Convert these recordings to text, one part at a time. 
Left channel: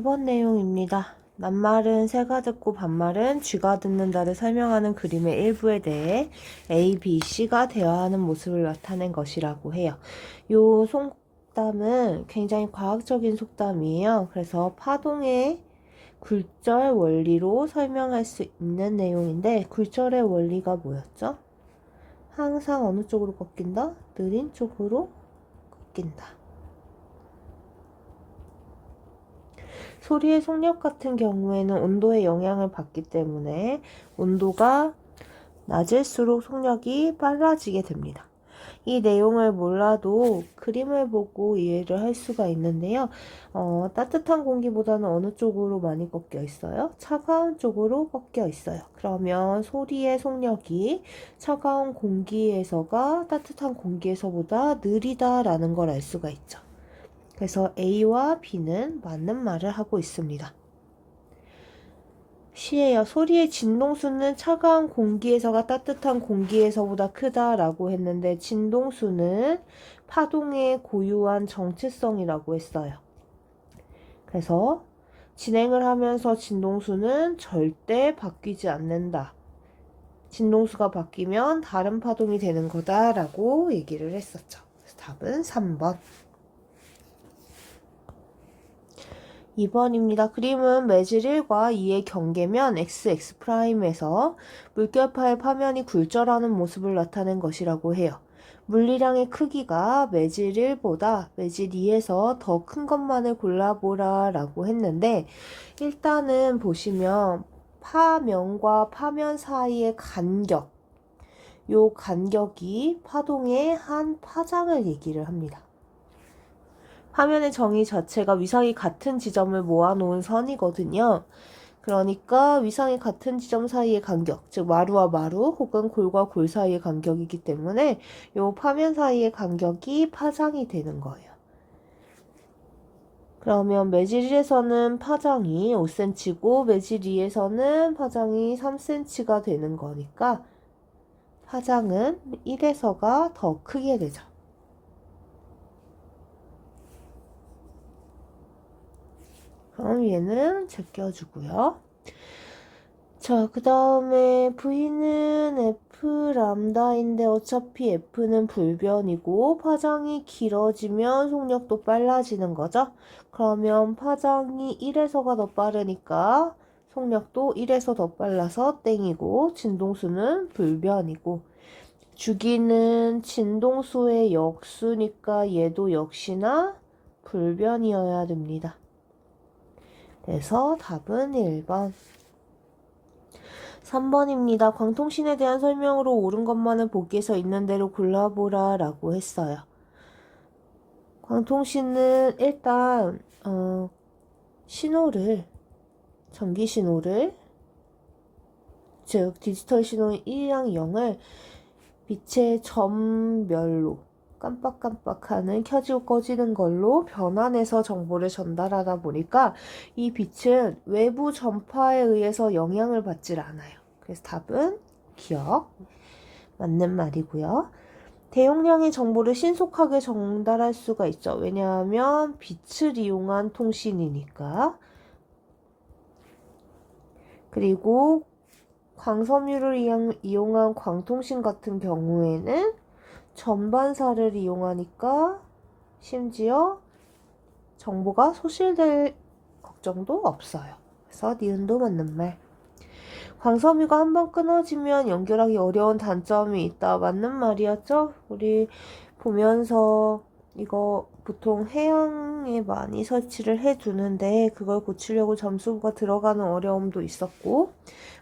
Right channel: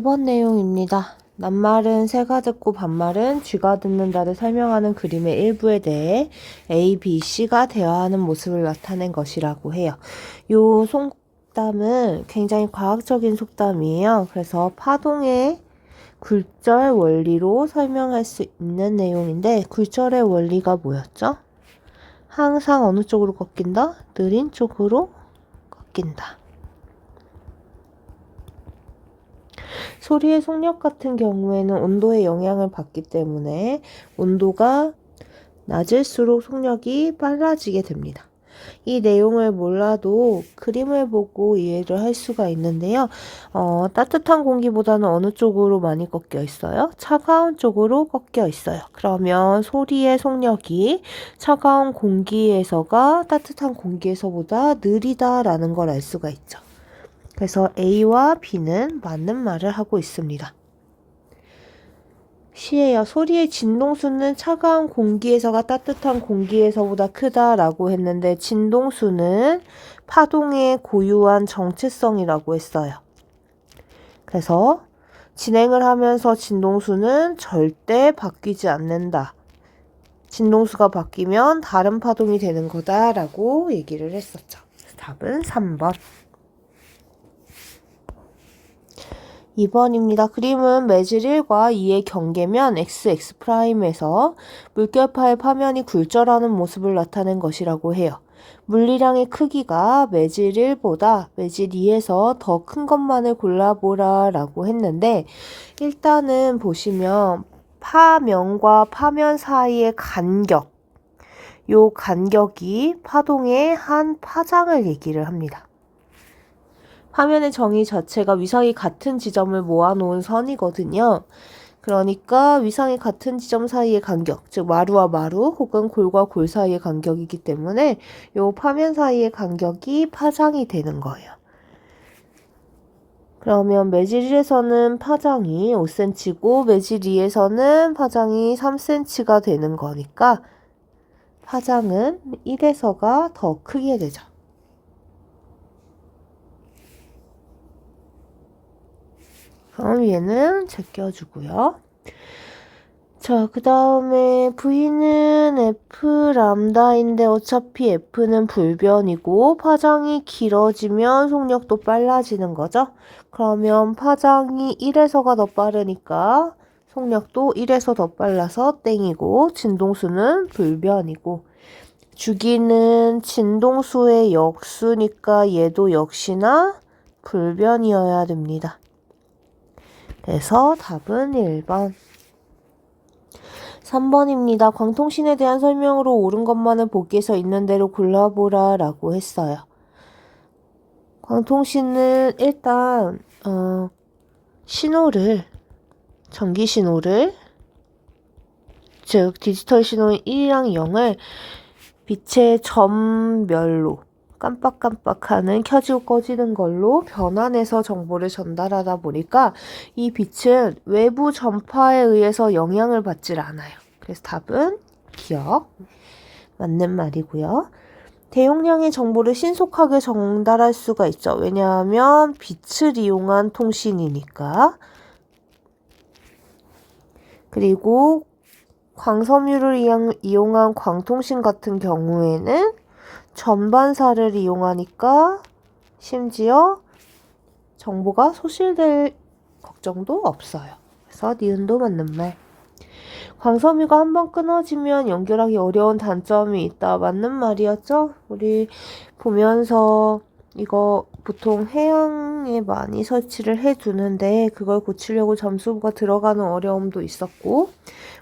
1번 내용입니다. 낱말은 새가 듣고 반말은 쥐가 듣는다를 설명하는 그림의 일부에 대해 A, B, C가 대화하는 모습을 나타낸 것이라고 해요. 요 속담은 굉장히 과학적인 속담이에요. 그래서 파동의 굴절 원리로 설명할 수 있는 내용인데, 굴절의 원리가 뭐였죠? 항상 어느 쪽으로 꺾인다? 느린 쪽으로 꺾인다. 소리의 속력 같은 경우에는 온도의 영향을 받기 때문에 온도가 낮을수록 속력이 빨라지게 됩니다. 이 내용을 몰라도 그림을 보고 이해를 할 수가 있는데요. 따뜻한 공기보다는 어느 쪽으로 많이 꺾여 있어요? 차가운 쪽으로 꺾여 있어요. 그러면 소리의 속력이 차가운 공기에서가 따뜻한 공기에서보다 느리다라는 걸 알 수가 있죠. 그래서 A와 B는 맞는 말을 하고 있습니다. C예요. 소리의 진동수는 차가운 공기에서가 따뜻한 공기에서보다 크다라고 했는데, 진동수는 파동의 고유한 정체성이라고 했어요. 그래서 진행을 하면서 진동수는 절대 바뀌지 않는다. 진동수가 바뀌면 다른 파동이 되는 거다라고 얘기를 했었죠. 답은 3번. 2번입니다. 그림은 매질 1과 2의 경계면 XX'에서 물결파의 파면이 굴절하는 모습을 나타낸 것이라고 해요. 물리량의 크기가 매질 1보다 매질 2에서 더 큰 것만을 골라보라 라고 했는데, 일단은 보시면 파면과 파면 사이의 간격, 요 간격이 파동의 한 파장을 얘기를 합니다. 화면의 정의 자체가 위상이 같은 지점을 모아놓은 선이거든요. 그러니까 위상이 같은 지점 사이의 간격, 즉 마루와 마루 혹은 골과 골 사이의 간격이기 때문에 이 파면 사이의 간격이 파장이 되는 거예요. 그러면 매질 1에서는 파장이 5cm고 매질 2에서는 파장이 3cm가 되는 거니까 파장은 1에서가 더 크게 되죠. 그럼 얘는 제껴주고요. 자, 그 다음에 V는 F 람다인데 어차피 F는 불변이고 파장이 길어지면 속력도 빨라지는 거죠. 그러면 파장이 1에서가 더 빠르니까 속력도 1에서 더 빨라서 땡이고, 진동수는 불변이고, 주기는 진동수의 역수니까 얘도 역시나 불변이어야 됩니다. 그래서 답은 1번. 3번입니다. 광통신에 대한 설명으로 옳은 것만은 보기에서 있는 대로 골라보라 라고 했어요. 광통신은 일단 신호를, 전기 신호를, 즉 디지털 신호인 1이랑 0을 빛의 점별로 깜빡깜빡하는 켜지고 꺼지는 걸로 변환해서 정보를 전달하다 보니까 이 빛은 외부 전파에 의해서 영향을 받질 않아요. 그래서 답은 기억. 맞는 말이고요. 대용량의 정보를 신속하게 전달할 수가 있죠. 왜냐하면 빛을 이용한 통신이니까. 그리고 광섬유를 이용한 광통신 같은 경우에는 전반사를 이용하니까 심지어 정보가 소실될 걱정도 없어요. 그래서 니은도 맞는 말. 광섬유가 한번 끊어지면 연결하기 어려운 단점이 있다. 맞는 말이었죠? 우리 보면서 이거 보통 해양에 많이 설치를 해두는데 그걸 고치려고 점수가 들어가는 어려움도 있었고,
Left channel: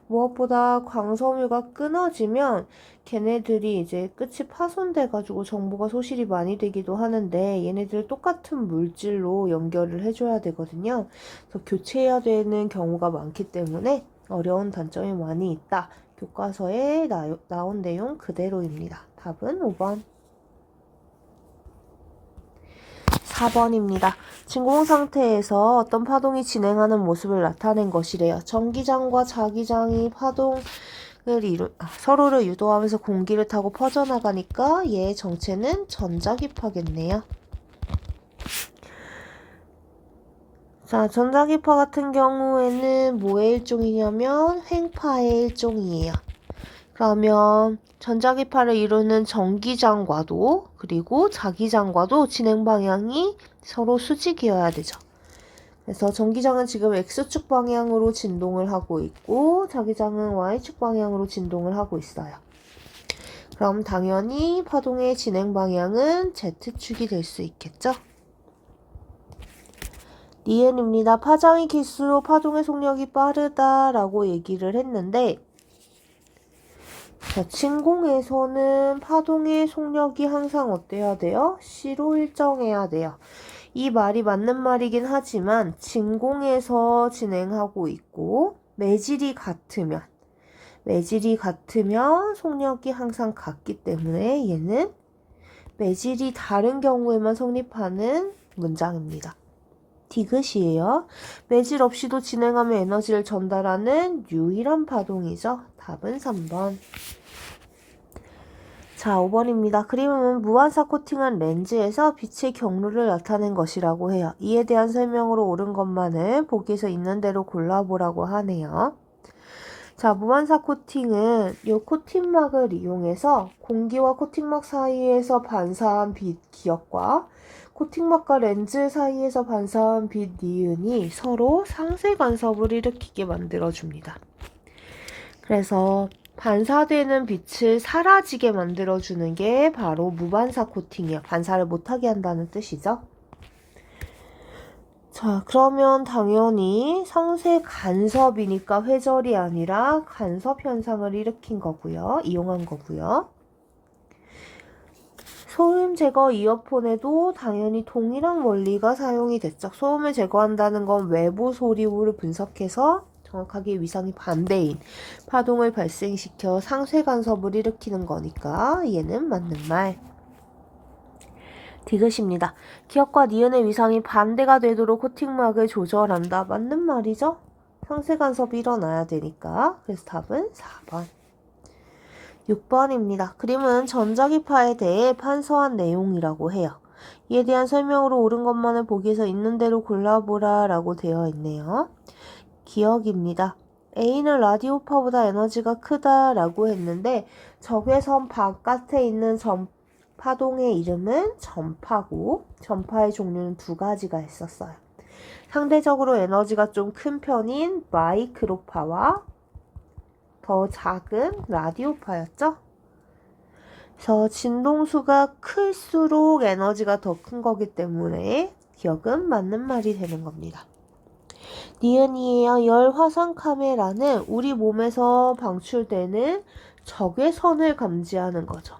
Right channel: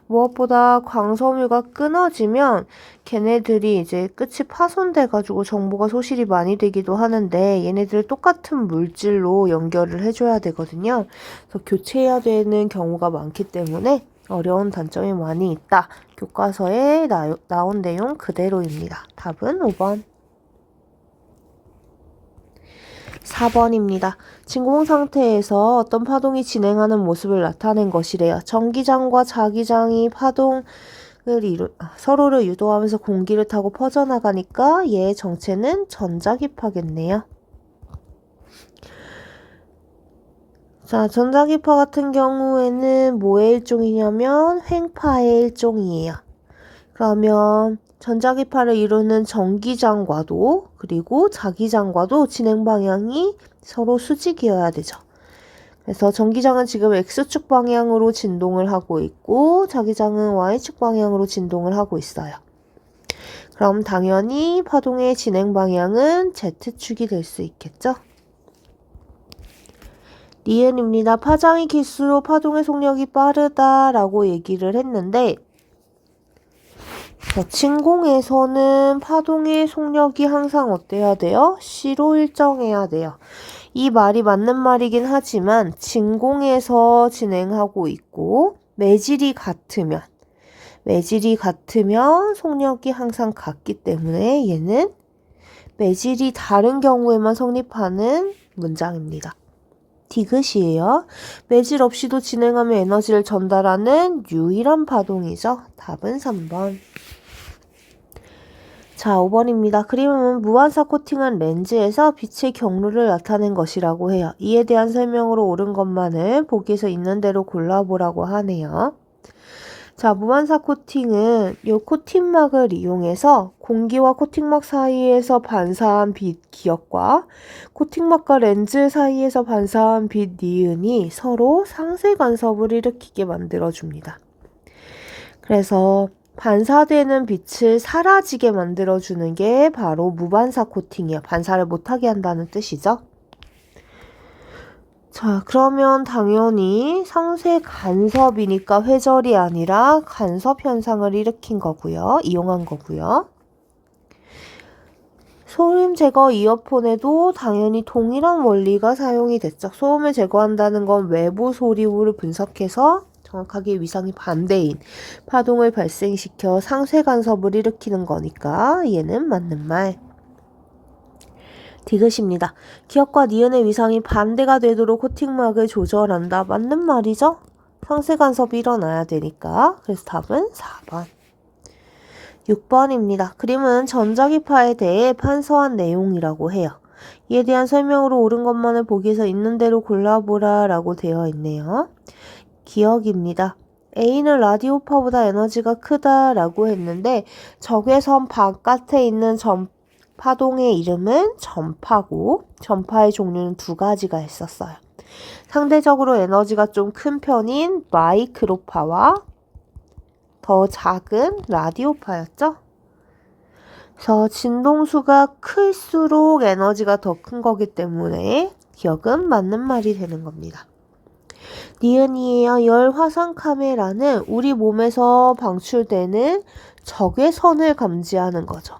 무엇보다 광섬유가 끊어지면 걔네들이 이제 끝이 파손돼가지고 정보가 소실이 많이 되기도 하는데, 얘네들 똑같은 물질로 연결을 해줘야 되거든요. 그래서 교체해야 되는 경우가 많기 때문에 어려운 단점이 많이 있다. 교과서에 나온 내용 그대로입니다. 답은 5번. 4번입니다. 진공 상태에서 어떤 파동이 진행하는 모습을 나타낸 것이래요. 전기장과 자기장이 파동을 서로를 유도하면서 공기를 타고 퍼져나가니까 얘의 정체는 전자기파겠네요. 자, 전자기파 같은 경우에는 뭐의 일종이냐면 횡파의 일종이에요. 그러면 전자기파를 이루는 전기장과도 그리고 자기장과도 진행 방향이 서로 수직이어야 되죠. 그래서 전기장은 지금 X축 방향으로 진동을 하고 있고 자기장은 Y축 방향으로 진동을 하고 있어요. 그럼 당연히 파동의 진행 방향은 Z축이 될 수 있겠죠? 니은입니다. 파장이 길수록 파동의 속력이 빠르다라고 얘기를 했는데 진공에서는 파동의 속력이 항상 어때야 돼요? C로 일정해야 돼요. 이 말이 맞는 말이긴 하지만 진공에서 진행하고 있고 매질이 같으면 속력이 항상 같기 때문에 얘는 매질이 다른 경우에만 성립하는 문장입니다. 디귿이에요. 매질 없이도 진행하며 에너지를 전달하는 유일한 파동이죠. 답은 3번. 자, 5번입니다. 그림은 무반사 코팅한 렌즈에서 빛의 경로를 나타낸 것이라고 해요. 이에 대한 설명으로 옳은 것만을 보기에서 있는 대로 골라보라고 하네요. 자, 무반사 코팅은 이 코팅막을 이용해서 공기와 코팅막 사이에서 반사한 빛 기역과 코팅막과 렌즈 사이에서 반사한 빛 니은이 서로 상쇄 간섭을 일으키게 만들어줍니다. 그래서 반사되는 빛을 사라지게 만들어주는 게 바로 무반사 코팅이에요. 반사를 못하게 한다는 뜻이죠. 자, 그러면 당연히 상쇄 간섭이니까 회절이 아니라 간섭 현상을 일으킨 거고요. 이용한 거고요. 소음 제거 이어폰에도 당연히 동일한 원리가 사용이 됐죠. 소음을 제거한다는 건 외부 소리를 분석해서 정확하게 위상이 반대인 파동을 발생시켜 상쇄 간섭을 일으키는 거니까 얘는 맞는 말. 디귿입니다. 기역과 니은의 위상이 반대가 되도록 코팅막을 조절한다. 맞는 말이죠? 상쇄 간섭이 일어나야 되니까. 그래서 답은 4번. 6번입니다. 그림은 전자기파에 대해 판서한 내용이라고 해요. 이에 대한 설명으로 옳은 것만을 보기에서 있는 대로 골라보라 라고 되어 있네요. 기억입니다. A는 라디오파보다 에너지가 크다 라고 했는데 적외선 바깥에 있는 파동의 이름은 전파고 전파의 종류는 두 가지가 있었어요. 상대적으로 에너지가 좀 큰 편인 마이크로파와 더 작은 라디오파였죠. 그래서 진동수가 클수록 에너지가 더 큰 거기 때문에 기억은 맞는 말이 되는 겁니다. 니은이에요. 열 화상 카메라는 우리 몸에서 방출되는 적외선을 감지하는 거죠.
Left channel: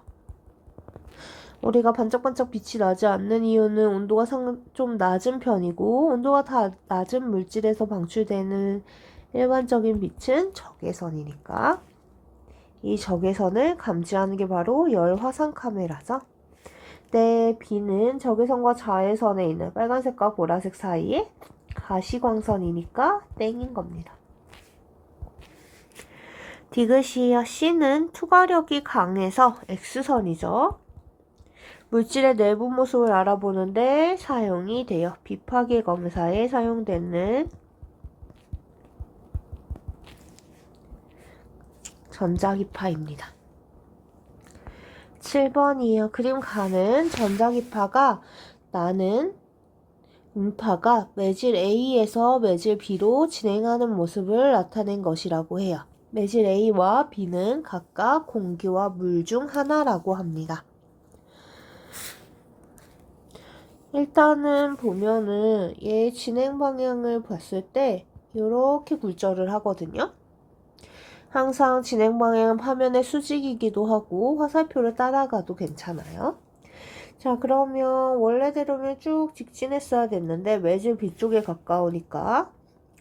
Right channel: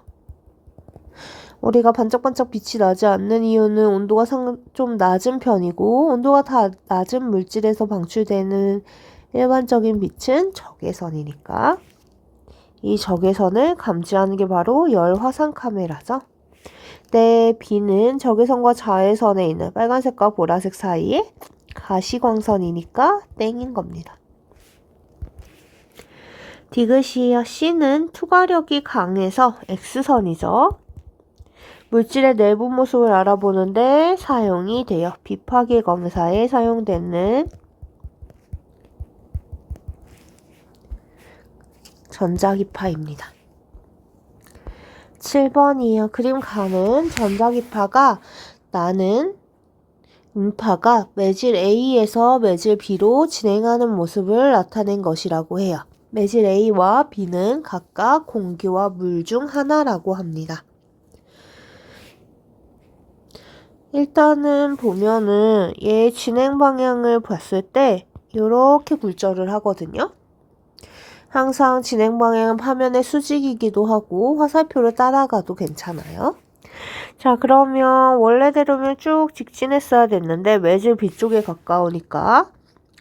우리가 반짝반짝 빛이 나지 않는 이유는 온도가 좀 낮은 편이고 온도가 다 낮은 물질에서 방출되는 일반적인 빛은 적외선이니까 이 적외선을 감지하는 게 바로 열 화상 카메라죠. 네, B는 적외선과 자외선에 있는 빨간색과 보라색 사이에 가시광선이니까 땡인 겁니다. 디귿이에요. C는 투과력이 강해서 X선이죠. 물질의 내부 모습을 알아보는데 사용이 돼요. 비파괴 검사에 사용되는 전자기파입니다. 7번이에요. 그림 가는 전자기파가 나는 음파가 매질 A에서 매질 B로 진행하는 모습을 나타낸 것이라고 해요. 매질 A와 B는 각각 공기와 물 중 하나라고 합니다. 일단은 보면은 얘 진행 방향을 봤을 때 이렇게 굴절을 하거든요. 항상 진행 방향은 화면의 수직이기도 하고 화살표를 따라가도 괜찮아요. 자, 그러면 원래대로면 쭉 직진했어야 됐는데 매질 B쪽에 가까우니까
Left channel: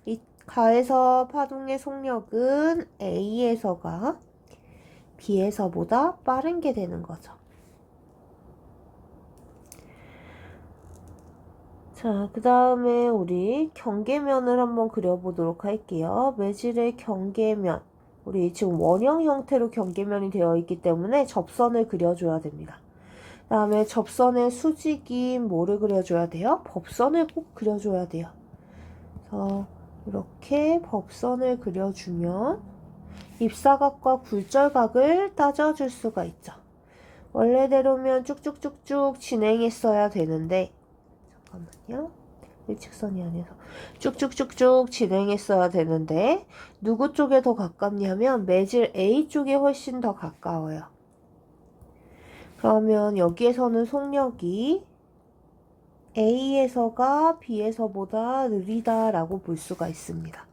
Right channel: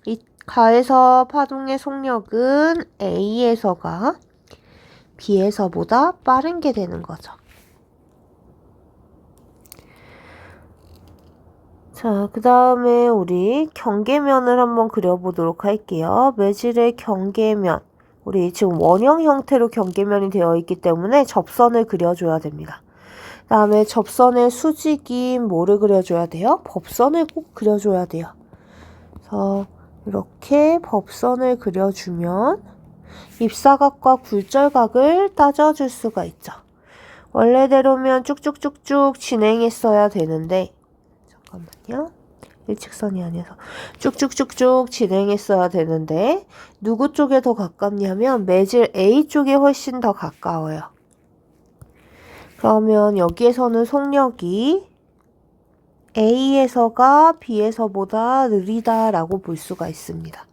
이 가에서 파동의 속력은 A에서가 B에서보다 빠른 게 되는 거죠. 자, 그 다음에 우리 경계면을 한번 그려보도록 할게요. 매질의 경계면. 우리 지금 원형 형태로 경계면이 되어 있기 때문에 접선을 그려줘야 됩니다. 그 다음에 접선의 수직인 뭐를 그려줘야 돼요? 법선을 꼭 그려줘야 돼요. 그래서 이렇게 법선을 그려주면 입사각과 굴절각을 따져줄 수가 있죠. 원래대로면 쭉쭉쭉쭉 진행했어야 되는데, 잠깐만요. 일직선이 아니어서 쭉쭉쭉쭉 진행했어야 되는데 누구 쪽에 더 가깝냐면 매질 A 쪽에 훨씬 더 가까워요. 그러면 여기에서는 속력이 A에서가 B에서보다 느리다라고 볼 수가 있습니다.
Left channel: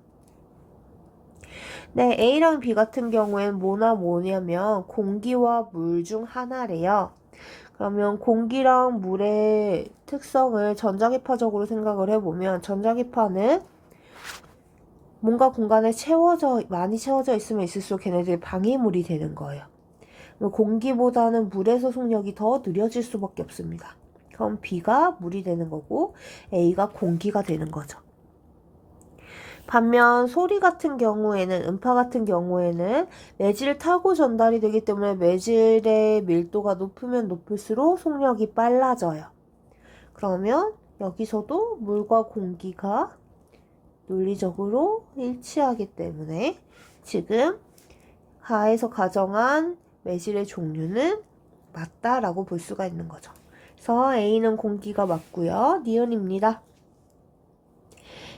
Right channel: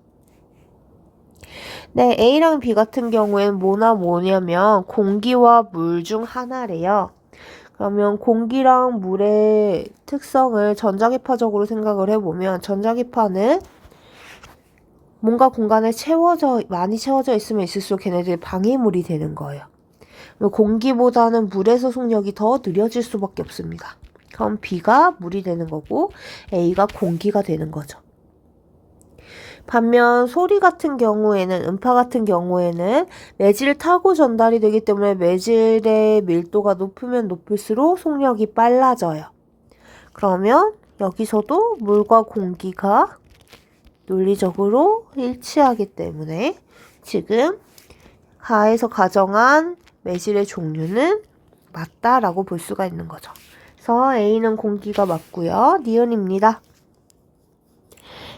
네, A랑 B 같은 경우엔 뭐냐면 공기와 물 중 하나래요. 그러면 공기랑 물의 특성을 전자기파적으로 생각을 해보면 전자기파는 뭔가 공간에 많이 채워져 있으면 있을수록 걔네들이 방해물이 되는 거예요. 공기보다는 물에서 속력이 더 느려질 수밖에 없습니다. 그럼 B가 물이 되는 거고 A가 공기가 되는 거죠. 반면 소리 같은 경우에는, 음파 같은 경우에는 매질을 타고 전달이 되기 때문에 매질의 밀도가 높으면 높을수록 속력이 빨라져요. 그러면 여기서도 물과 공기가 논리적으로 일치하기 때문에 지금 가에서 가정한 매질의 종류는 맞다라고 볼 수가 있는 거죠. 그래서 A는 공기가 맞고요. 니은입니다.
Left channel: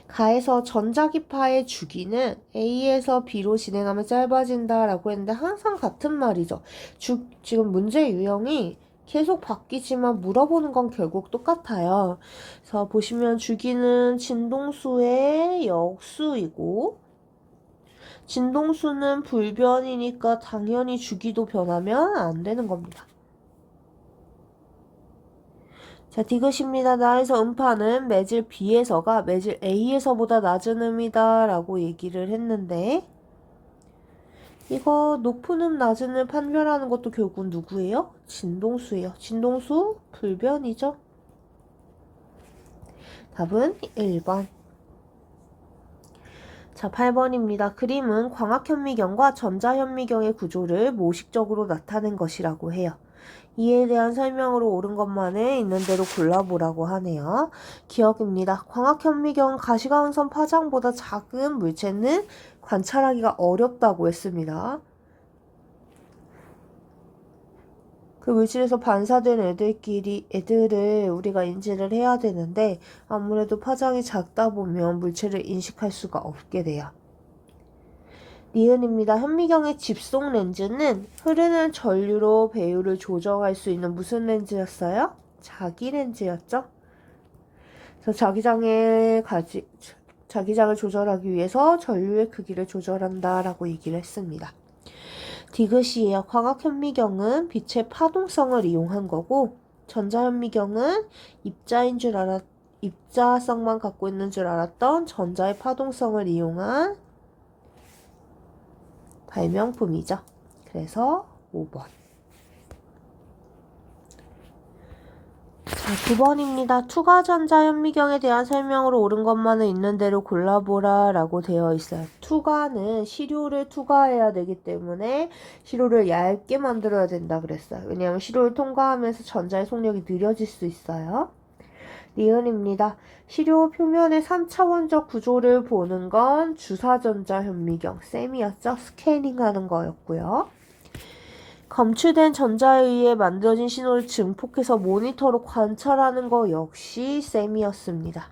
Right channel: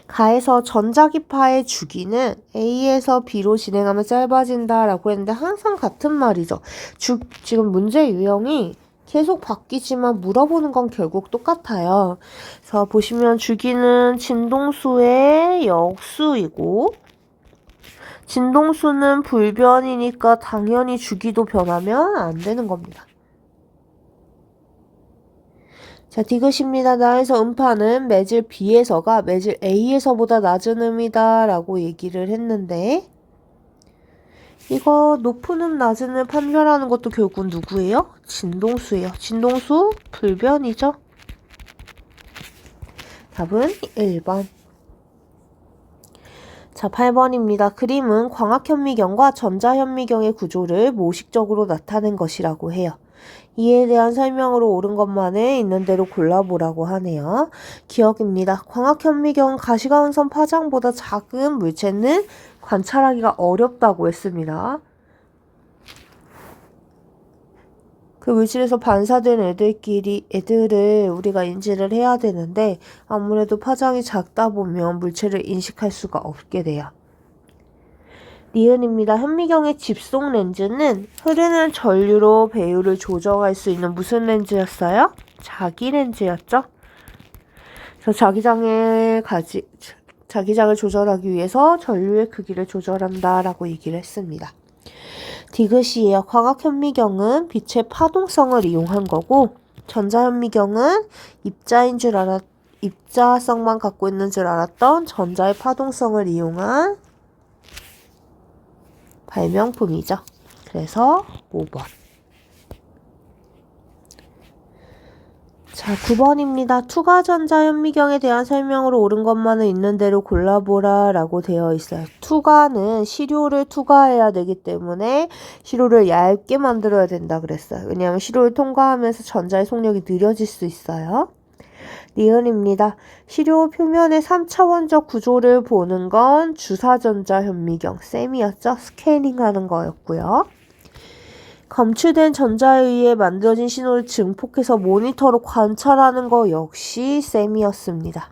가에서 전자기파의 주기는 A에서 B로 진행하면 짧아진다라고 했는데 항상 같은 말이죠. 지금 문제 유형이 계속 바뀌지만 물어보는 건 결국 똑같아요. 그래서 보시면 주기는 진동수의 역수이고 진동수는 불변이니까 당연히 주기도 변하면 안 되는 겁니다. 자, 디귿입니다. 나에서 음파는 매질 B에서가 매질 A에서보다 낮은 음이다 라고 얘기를 했는데 이거 높은 음, 낮은 음 판별하는 것도 결국 누구예요? 진동수예요. 진동수 불변이죠. 답은 1번. 자, 8번입니다. 그림은 광학현미경과 전자현미경의 구조를 모식적으로 나타낸 것이라고 해요. 이에 대한 설명으로 옳은 것만을 있는 대로 골라보라고 하네요. 기억입니다. 광학현미경 가시광선 파장보다 작은 물체는 관찰하기가 어렵다고 했습니다. 그 물질에서 반사된 애들을 우리가 인지를 해야 되는데 아무래도 파장이 작다 보면 물체를 인식할 수가 없게 돼요. 니은입니다. 현미경의 집속 렌즈는 흐르는 전류로 배율을 조정할 수 있는 무슨 렌즈였어요? 자기 렌즈였죠. 그래서 자기장을 조절하기 위해서 전류의 크기를 조절한다라고 얘기를 했습니다. 디귿이에요. 광학현미경은 빛의 파동성을 이용한 거고 전자현미경은 입자성만 갖고 있는 줄 알았던 전자의 파동성을 이용한 발명품이죠. 그래서 5번. 자, 9번입니다. 투과전자현미경에 대한 설명으로 옳은 것만은 있는 대로 골라보라 라고 되어 있어요. 투과는 시료를 투과해야 되기 때문에 시료를 얇게 만들어야 된다 그랬어요. 왜냐하면 시료를 통과하면서 전자의 속력이 느려질 수 있어요. 니은입니다. 시료 표면의 3차원적 구조를 보는 건 주사전자현미경, 셈이었죠? 스캐닝하는 거였고요. 검출된 전자에 의해 만들어진 신호를 증폭해서 모니터로 관찰하는 거 역시 셈이었습니다.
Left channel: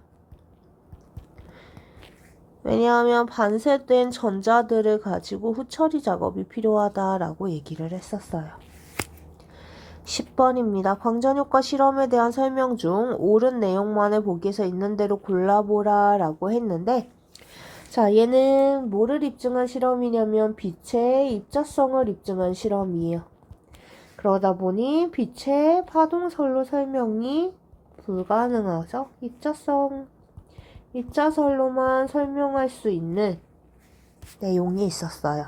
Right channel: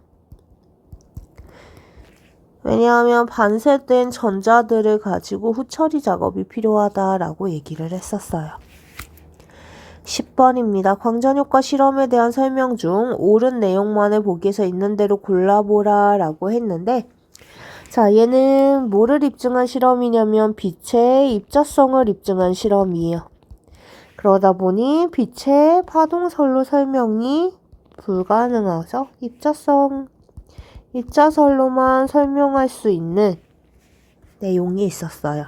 왜냐하면 반세된 전자들을 가지고 후처리 작업이 필요하다라고 얘기를 했었어요. 10번입니다. 광전효과 실험에 대한 설명 중 옳은 내용만을 보기에서 있는 대로 골라보라 라고 했는데 자, 얘는 뭐를 입증한 실험이냐면 빛의 입자성을 입증한 실험이에요. 그러다 보니 빛의 파동설로 설명이 불가능하죠. 입자설로만 설명할 수 있는 내용이 있었어요.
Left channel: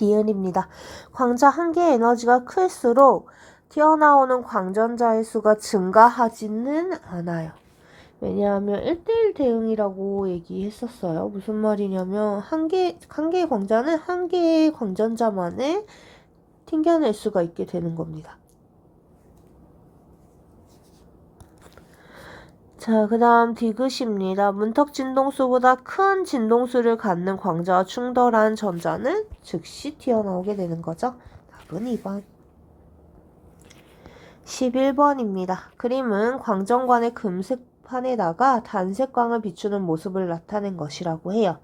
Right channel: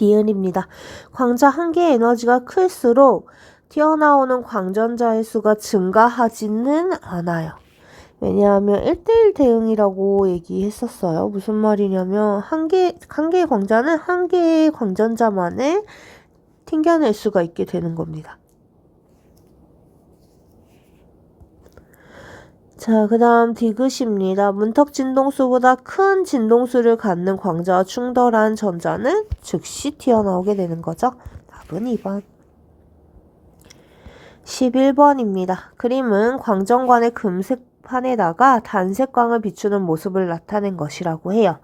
니은입니다. 광자 한 개의 에너지가 클수록 튀어나오는 광전자의 수가 증가하지는 않아요. 왜냐하면 1대1 대응이라고 얘기했었어요. 무슨 말이냐면 한 개의 광자는 한 개의 광전자만을 튕겨낼 수가 있게 되는 겁니다. 자, 그 다음 디귿입니다. 문턱 진동수보다 큰 진동수를 갖는 광자와 충돌한 전자는 즉시 튀어나오게 되는 거죠. 답은 2번. 11번입니다. 그림은 광전관의 금색판에다가 단색광을 비추는 모습을 나타낸 것이라고 해요.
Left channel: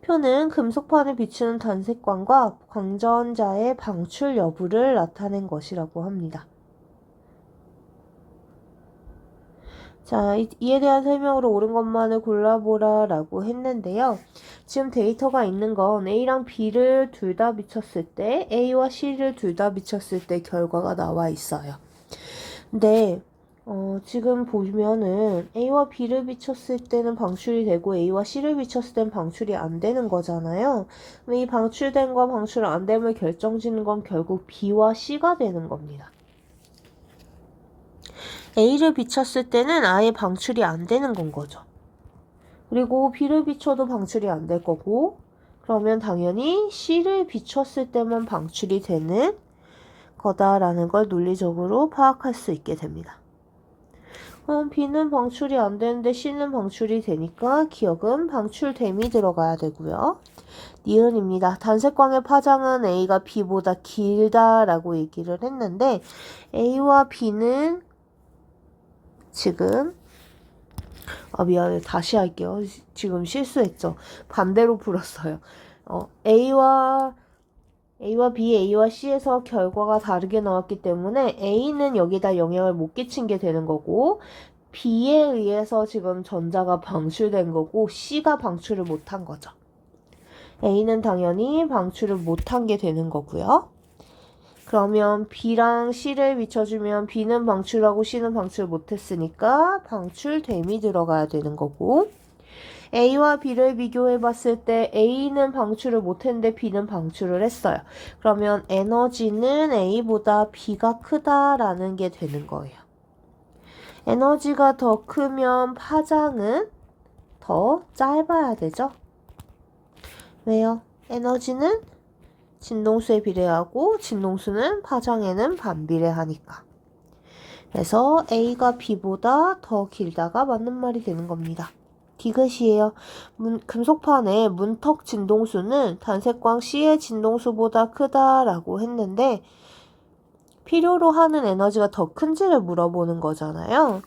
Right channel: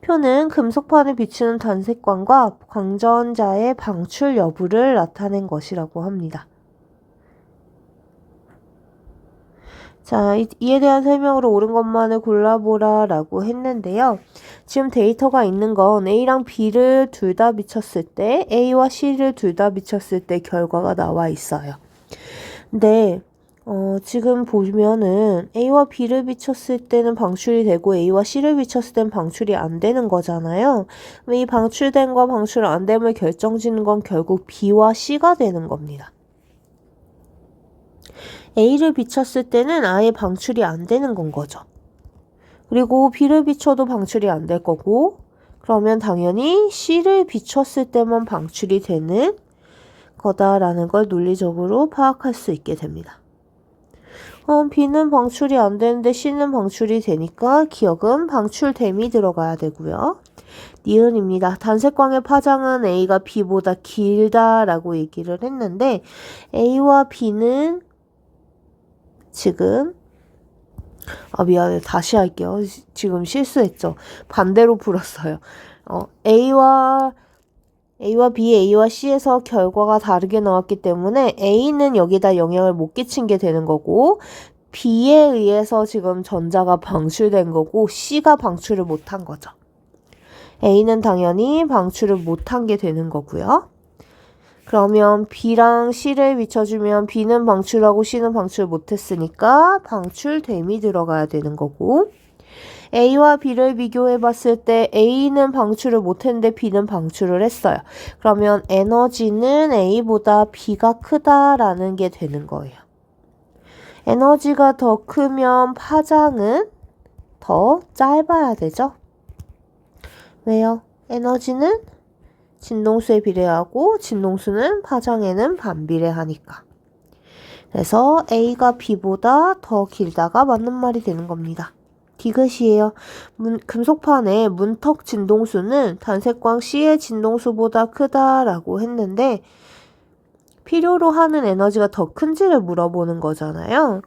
표는 금속판을 비추는 단색광과 광전자의 방출 여부를 나타낸 것이라고 합니다. 자, 이에 대한 설명으로 옳은 것만을 골라보라 라고 했는데요. 지금 데이터가 있는 건 A랑 B를 둘 다 비췄을 때, A와 C를 둘 다 비췄을 때 결과가 나와 있어요. 근데 지금 보면은 A와 B를 비췄을 때는 방출이 되고 A와 C를 비췄을 때는 방출이 안 되는 거잖아요. 이 방출됨과 방출 안 됨을 결정짓는 건 결국 B와 C가 되는 겁니다. A를 비췄을 때는 아예 방출이 안 되는 건 거죠. 그리고 B를 비춰도 방출이 안 될 거고, 그러면 당연히 C를 비췄을 때만 방출이 되는 거다라는 걸 논리적으로 파악할 수 있게 됩니다. B는 방출이 안 되는데 C는 방출이 되니까 기억은 방출됨이 들어가야 되고요. 니은입니다. 단색광의 파장은 A가 B보다 길다라고 얘기를 했는데 A와 B는 지금 미안해. 다시 할게요. 지금 실수했죠. 반대로 풀었어요. A와 B, A와 C에서 결과가 다르게 나왔기 때문에 A는 여기다 영향을 못 끼친 게 되는 거고 B에 의해서 지금 전자가 방출된 거고 C가 방출을 못한 거죠. A는 당연히 방출을 못한 게 되는 거고요. 그러면 B랑 C를 비춰주면 B는 방출하고 C는 방출 못했으니까 방출됨이 들어가야 되는 거고 A와 B를 비교해 봤을 때 A는 방출을 못했는데 B는 방출을 했어요. 그러면 에너지는 A보다 B가 크다라는 게 되는 거예요. 에너지가 더 크면 파장은 더 짧아야 되죠? 왜요? 에너지는 진동수에 비례하고 진동수는 파장에는 반비례하니까. 그래서 A가 B보다 더 길다가 맞는 말이 되는 겁니다. 디귿이에요. 금속판의 문턱 진동수는 단색광 C의 진동수보다 크다라고 했는데 필요로 하는 에너지가 더 큰지를 물어보는 거잖아요.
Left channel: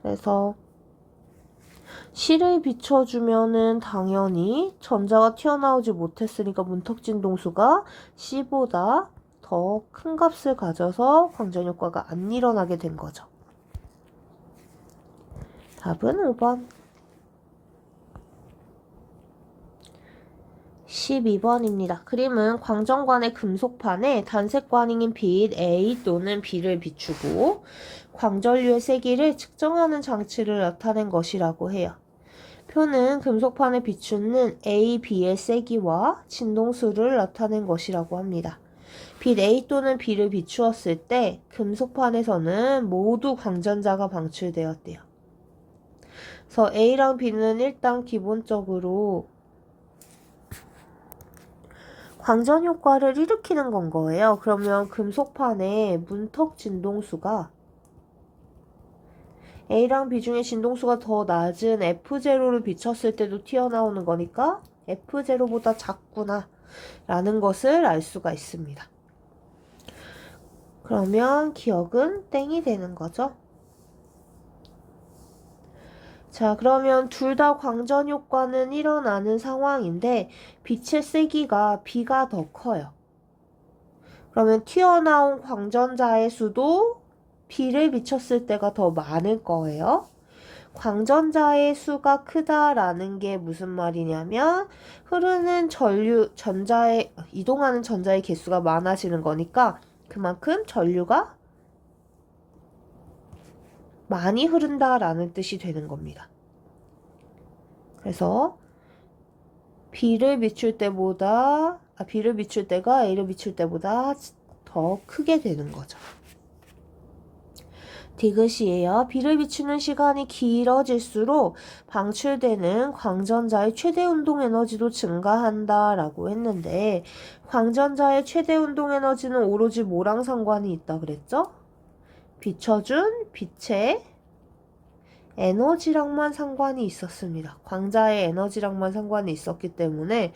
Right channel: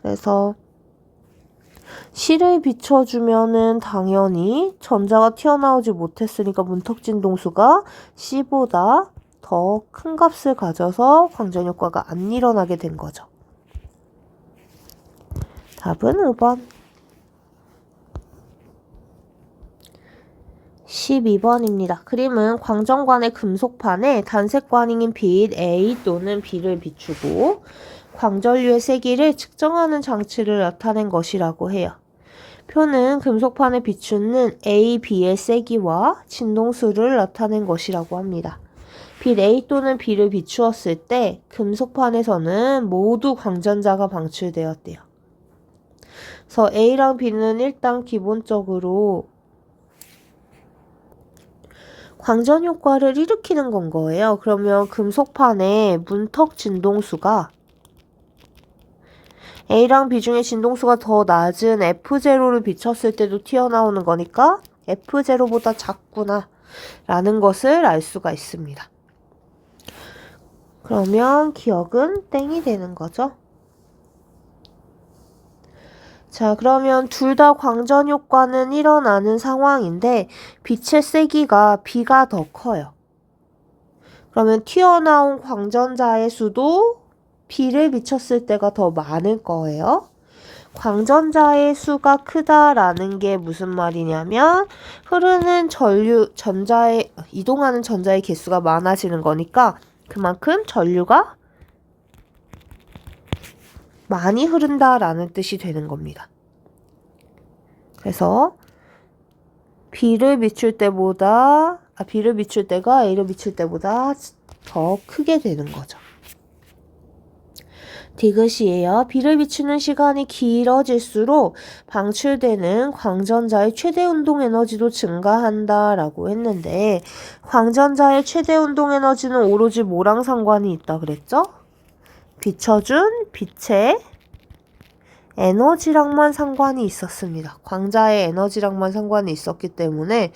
그래서 C를 비춰주면은 당연히 전자가 튀어나오지 못했으니까 문턱 진동수가 C보다 더 큰 값을 가져서 광전 효과가 안 일어나게 된 거죠. 답은 5번. 12번입니다. 그림은 광전관의 금속판에 단색광인 빛 A 또는 B를 비추고 광전류의 세기를 측정하는 장치를 나타낸 것이라고 해요. 표는 금속판에 비추는 A, B의 세기와 진동수를 나타낸 것이라고 합니다. 빛 A 또는 B를 비추었을 때 금속판에서는 모두 광전자가 방출되었대요. 그래서 A랑 B는 일단 기본적으로 광전 효과를 일으키는 건 거예요. 그러면 금속판의 문턱 진동수가 A랑 B 중에 진동수가 더 낮은 F0를 비췄을 때도 튀어나오는 거니까 F0보다 작구나 라는 것을 알 수가 있습니다. 그러면 기억은 땡이 되는 거죠. 자, 그러면 둘 다 광전 효과는 일어나는 상황인데 빛의 세기가 B가 더 커요. 그러면 튀어나온 광전자의 수도 B를 비췄을 때가 더 많을 거예요. 광전자의 수가 크다라는 게 무슨 말이냐면 흐르는 이동하는 전자의 개수가 많아지는 거니까 그만큼 전류가 많이 흐른다라는 뜻이 되는 겁니다. 그래서 B를 비출 때가 A를 비출 때보다 더 크게 되는 거죠. 디귿이에요. B를 비추는 시간이 길어질수록 방출되는 광전자의 최대 운동 에너지도 증가한다 라고 했는데 광전자의 최대 운동 에너지는 오로지 뭐랑 상관이 있다 그랬죠? 비춰준 빛의 에너지랑만 상관이 있었습니다. 광자의 에너지랑만 상관이 있었기 때문에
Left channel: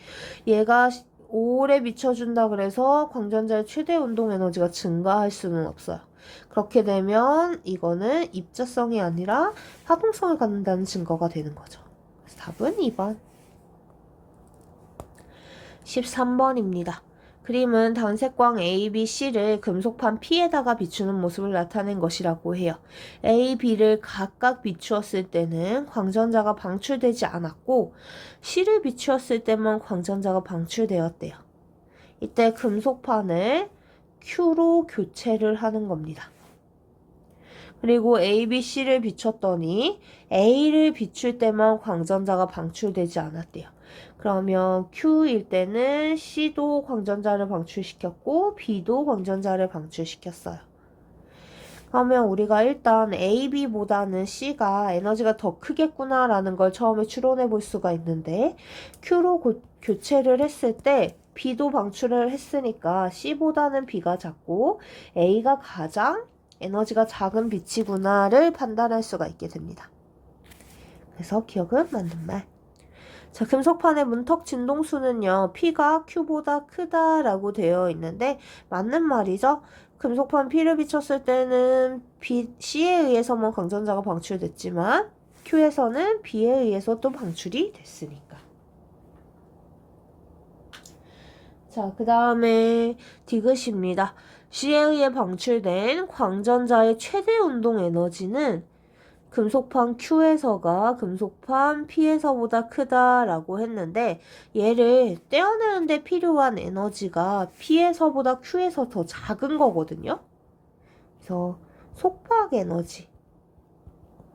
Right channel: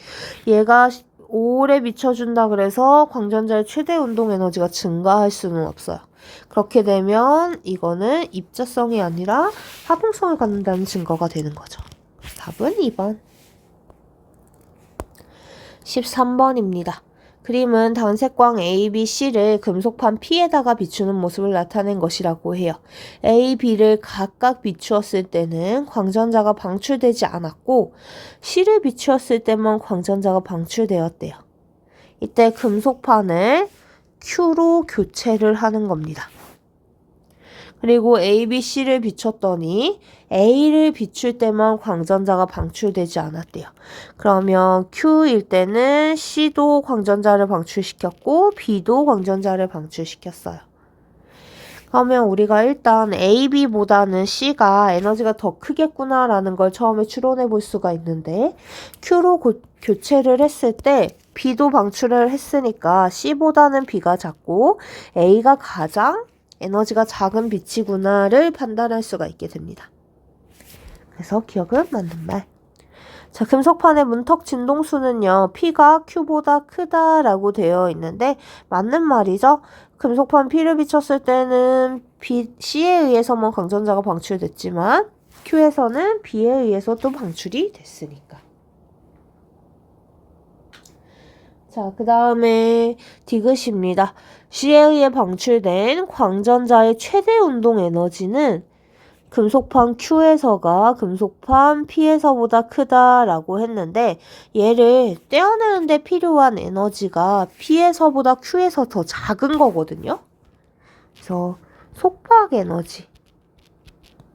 얘가 오래 비춰준다 그래서 광전자의 최대 운동 에너지가 증가할 수는 없어요. 그렇게 되면 이거는 입자성이 아니라 하동성을 갖는다는 증거가 되는 거죠. 답은 2번. 13번입니다. 그림은 단색광 A, B, C를 금속판 P에다가 비추는 모습을 나타낸 것이라고 해요. A, B를 각각 비추었을 때는 광전자가 방출되지 않았고 C를 비추었을 때만 광전자가 방출되었대요. 이때 금속판을 Q로 교체를 하는 겁니다. 그리고 A, B, C를 비췄더니 A를 비출 때만 광전자가 방출되지 않았대요. 그러면 Q일 때는 C도 광전자를 방출시켰고 B도 광전자를 방출시켰어요. 그러면 우리가 일단 A, B보다는 C가 에너지가 더 크겠구나라는 걸 처음에 추론해 볼 수가 있는데 Q로 교체를 했을 때 B도 방출을 했으니까 C보다는 B가 작고 A가 가장 에너지가 작은 빛이구나를 판단할 수가 있게 됩니다. 그래서 기억은 맞는 말. 자, 금속판의 문턱 진동수는요, P가 Q보다 크다라고 되어 있는데 맞는 말이죠. 금속판 P를 비췄을 때는 C에 의해서만 광전자가 방출됐지만 Q에서는 B에 의해서 또 방출이 됐으니까. 자, 그 다음에 디귿입니다. C에 의해 방출된 광전자의 최대 운동 에너지는 금속판 Q에서가 금속판 P에서보다 크다라고 했는데 얘를 떼어내는데 필요한 에너지가 P에서보다 Q에서 더 작은 거거든요. 그래서 속박 에너지.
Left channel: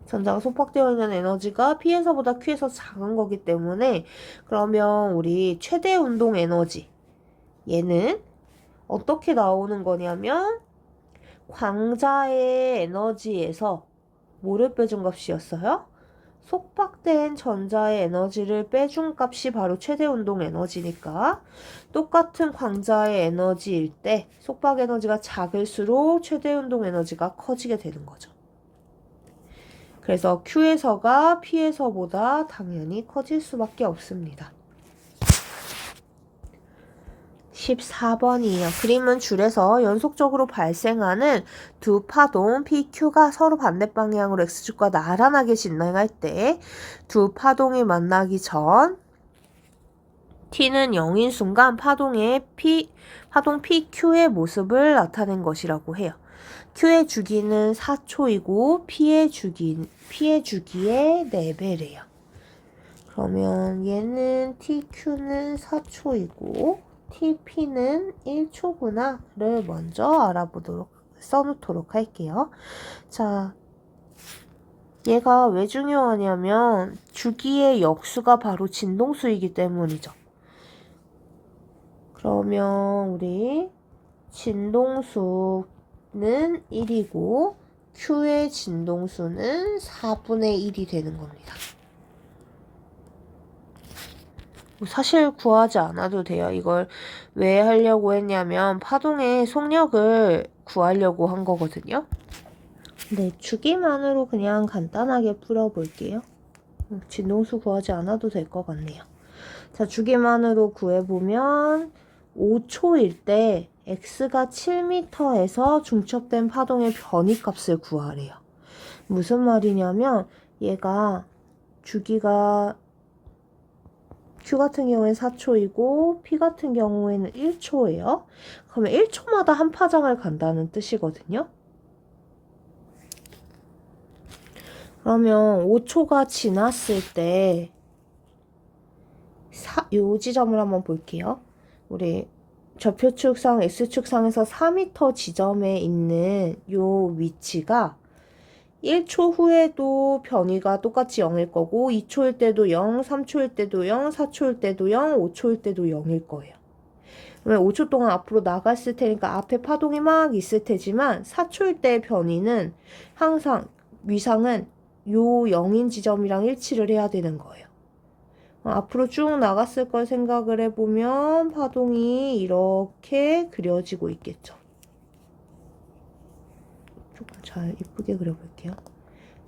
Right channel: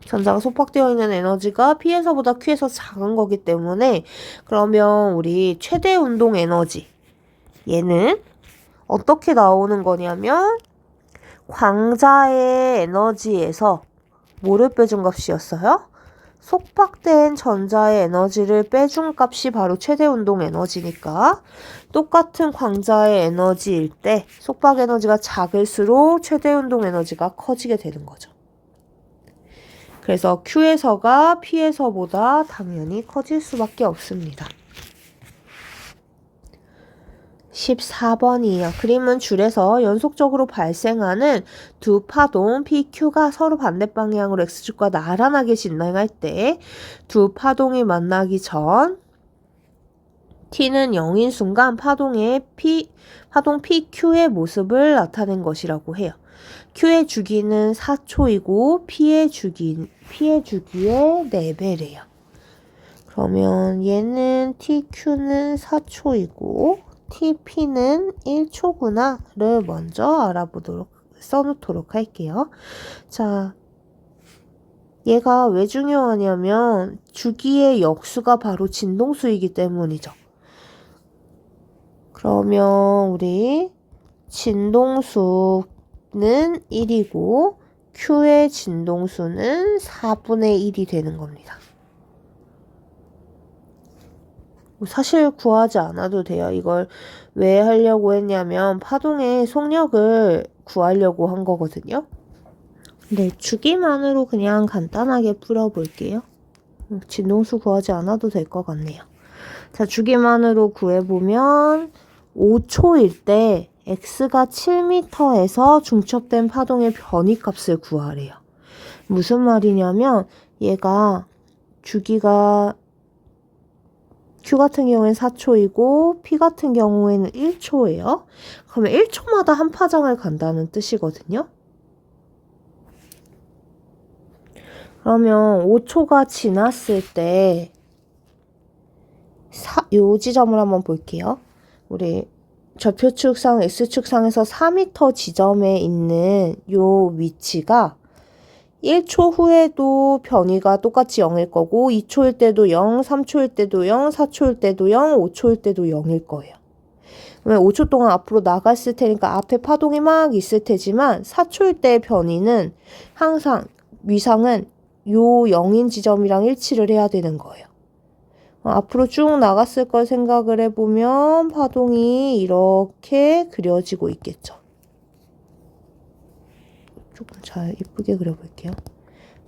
전자가 속박되어 있는 에너지가 P에서보다 Q에서 작은 거기 때문에 그러면 우리 최대 운동 에너지 얘는 어떻게 나오는 거냐면 광자의 에너지에서 뭐를 빼준 값이었어요? 속박된 전자의 에너지를 빼준 값이 바로 최대 운동 에너지니까 똑같은 광자의 에너지일 때 속박 에너지가 작을수록 최대 운동 에너지가 커지게 되는 거죠. 그래서 Q에서가 P에서보다 당연히 커질 수밖에 없습니다. 14번이에요. 그림은 줄에서 연속적으로 발생하는 두 파동 PQ가 서로 반대 방향으로 X축과 나란하게 진행할 때 두 파동이 만나기 전 T는 0인 순간 파동 PQ의 모습을 나타낸 것이라고 해요. Q의 주기는 4초이고 P의 주기의 4배래요. 그러면 얘는 TQ는 4초이고 TP는 1초구나를 먼저 써놓도록 할게요. 자, 얘가 왜 중요하냐면 주기의 역수가 바로 진동수이기 때문이죠. 그러면 우리 진동수는 1이고 Q의 진동수는 4분의 1이 되는 겁니다. 사실 구하지 않아도 돼요. 이걸 왜 하려고 했냐면 파동의 속력을 구하려고 한 거거든요. 네, 주기만으로 그냥 간단하게 풀어볼게요. 진동수 구하지 않아도 될 것 같네요. 자, 주기만으로 구해보면 5초일 때 x가 7m에서 중첩된 파동의 변이값을 구하래요. 무슨 말이냐면 얘가 주기가 Q 같은 경우에는 4초이고 P 같은 경우에는 1초예요. 그러면 1초마다 한 파장을 간다는 뜻이거든요. 그러면 5초가 지났을 때 요 지점을 한번 볼게요. 우리 좌표축상 X축상에서 4m 지점에 있는 요 위치가 1초 후에도 변이가 똑같이 0일 거고 2초일 때도 0, 3초일 때도 0, 4초일 때도 0, 5초일 때도 0일 거예요. 그러면 5초 동안 앞으로 나갔을 테니까 앞에 파동이 막 있을 테지만 4초일 때의 변이는 항상 위상은 요 0인 지점이랑 일치를 해야 되는 거예요. 앞으로 쭉 나갔을 걸 생각을 해보면 파동이 이렇게 그려지고 있겠죠. 조금 잘 이쁘게 그려볼게요.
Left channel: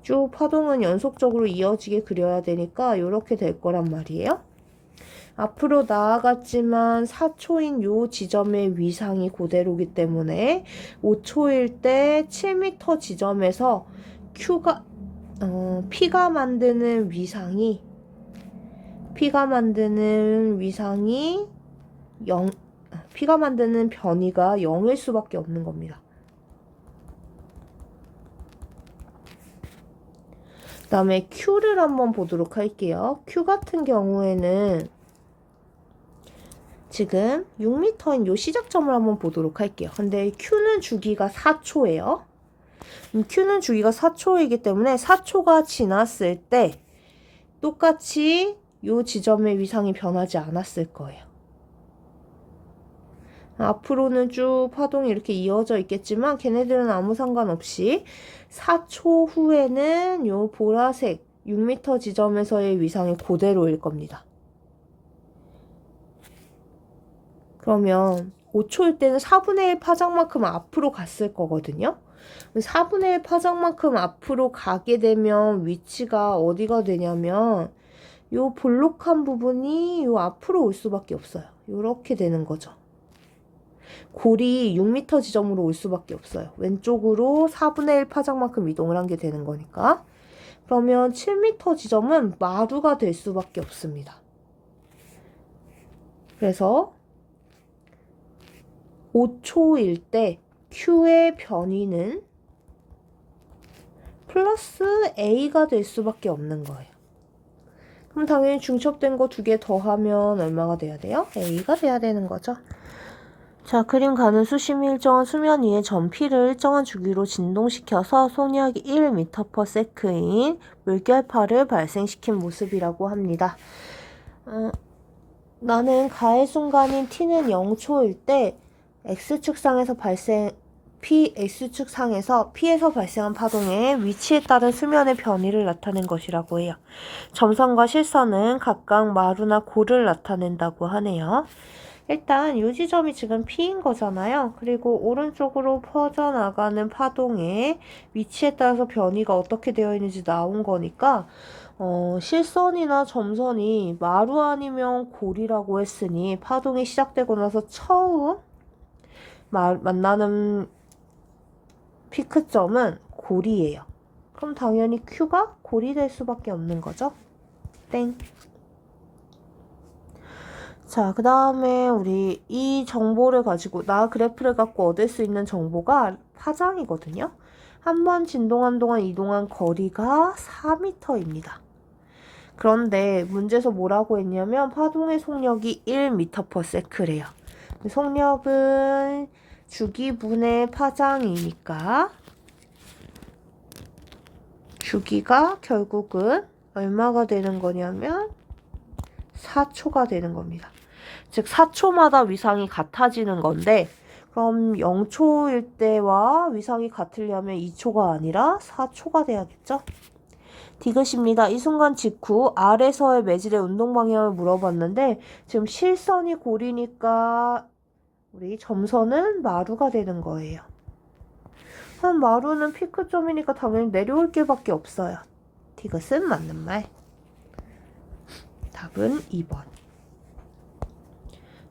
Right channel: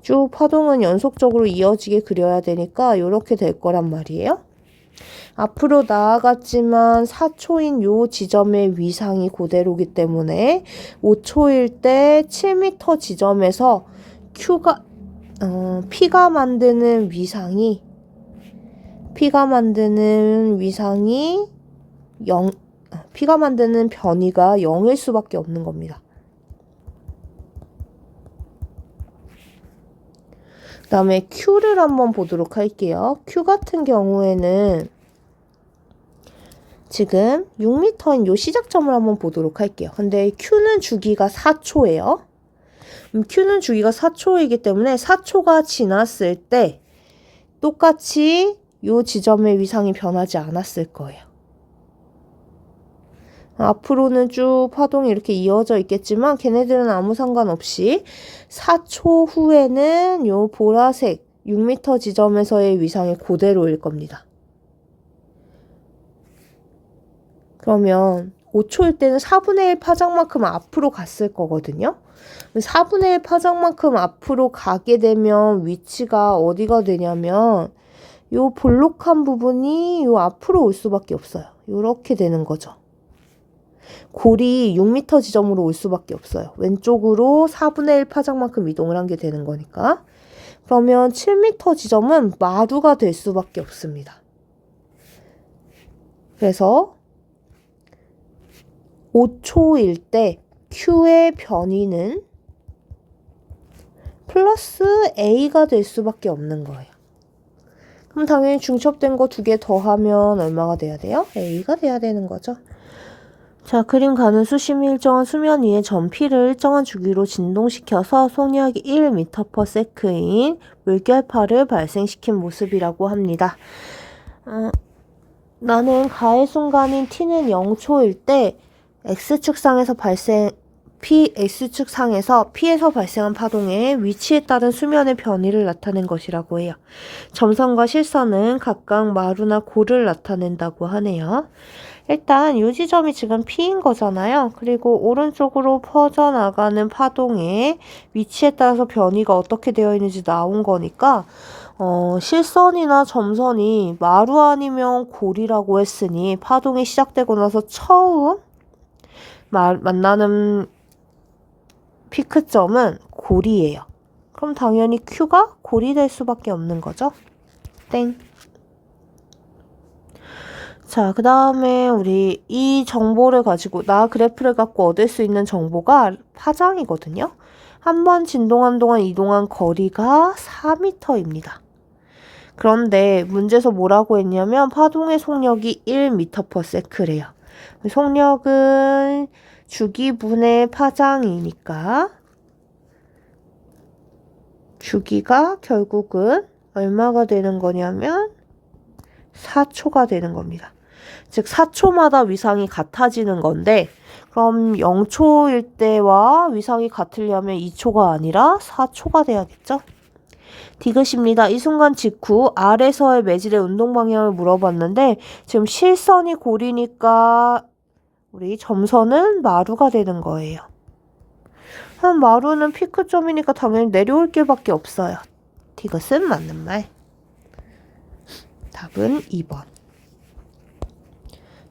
쭉 파동은 연속적으로 이어지게 그려야 되니까 이렇게 될 거란 말이에요. 앞으로 나아갔지만 4초인 요 지점의 위상이 그대로기 때문에 5초일 때 7m 지점에서 P가 만드는 위상이 0, P가 만드는 변이가 0일 수밖에 없는 겁니다. 그 다음에 Q를 한번 보도록 할게요. Q 같은 경우에는 지금 6m인 요 시작점을 한번 보도록 할게요. 근데 Q는 주기가 4초예요. Q는 주기가 4초이기 때문에 4초가 지났을 때 똑같이 요 지점의 위상이 변하지 않았을 거예요. 앞으로는 쭉 파동이 이렇게 이어져 있겠지만 걔네들은 아무 상관없이 4초 후에는 요 보라색 6m 지점에서의 위상이 그대로일 겁니다. 그러면 5초일 때는 4분의 1 파장만큼 앞으로 갔을 거거든요. 4분의 1 파장만큼 앞으로 가게 되면 위치가 어디가 되냐면 요 볼록한 부분이 요 앞으로 올 수밖에 없어요. 요렇게 되는 거죠. 골이 6m 지점으로 올 수밖에 없어요. 왼쪽으로 4분의 1 파장만큼 이동을 한 게 되는 거니까. 그러면 7m 지점은 마루가 될 수밖에 없습니다. 그래서 5초일 때 Q의 변이는 플러스 A가 될 수밖에 없는 거예요. 그럼 당연히 중첩된 거 2개 더하면 얼마가 돼야 돼요? A가 돼야 되는 거죠. 자, 그림 가는 수심이 일정한 수면 위에 점 P를 일정한 주기로 진동시켜서 속력이 1m/s인 물결파를 발생시킨 모습이라고 합니다. 나는 가해 순간인 T는 0초일 때 X축상에서 P에서 발생한 파동의 위치에 따른 수면의 변이를 나타낸 것이라고 해요. 점선과 실선은 각각 마루나 골을 나타낸다고 하네요. 일단 이 지점이 지금 P인 거잖아요. 그리고 오른쪽으로 퍼져나가는 파동의 위치에 따라서 변이가 어떻게 되어 있는지 나온 거니까 실선이나 점선이 마루 아니면 골이라고 했으니 파동이 시작되고 나서 처음 만나는 피크점은 골이에요. 그럼 당연히 Q가 골이 될 수밖에 없는 거죠. 땡. 자, 그 다음에 우리 이 정보를 가지고 그래프를 갖고 얻을 수 있는 정보가 파장이거든요. 한 번 진동한 동안 이동한 거리가 4m입니다. 그런데 문제에서 뭐라고 했냐면 파동의 속력이 1m/s래요. 속력은 주기분의 파장이니까 주기가 결국은 얼마가 되는 거냐면 4초가 되는 겁니다. 즉 4초마다 위상이 같아지는 건데 그럼 0초일 때와 위상이 같으려면 2초가 아니라 4초가 돼야겠죠? 디귿입니다. 이 순간 직후 아래서의 매질의 운동 방향을 물어봤는데 지금 실선이 골이니까 우리 점선은 마루가 되는 거예요. 마루는 피크점이니까 당연히 내려올 길밖에 없어요. 디귿은 맞는 말. 답은 2번.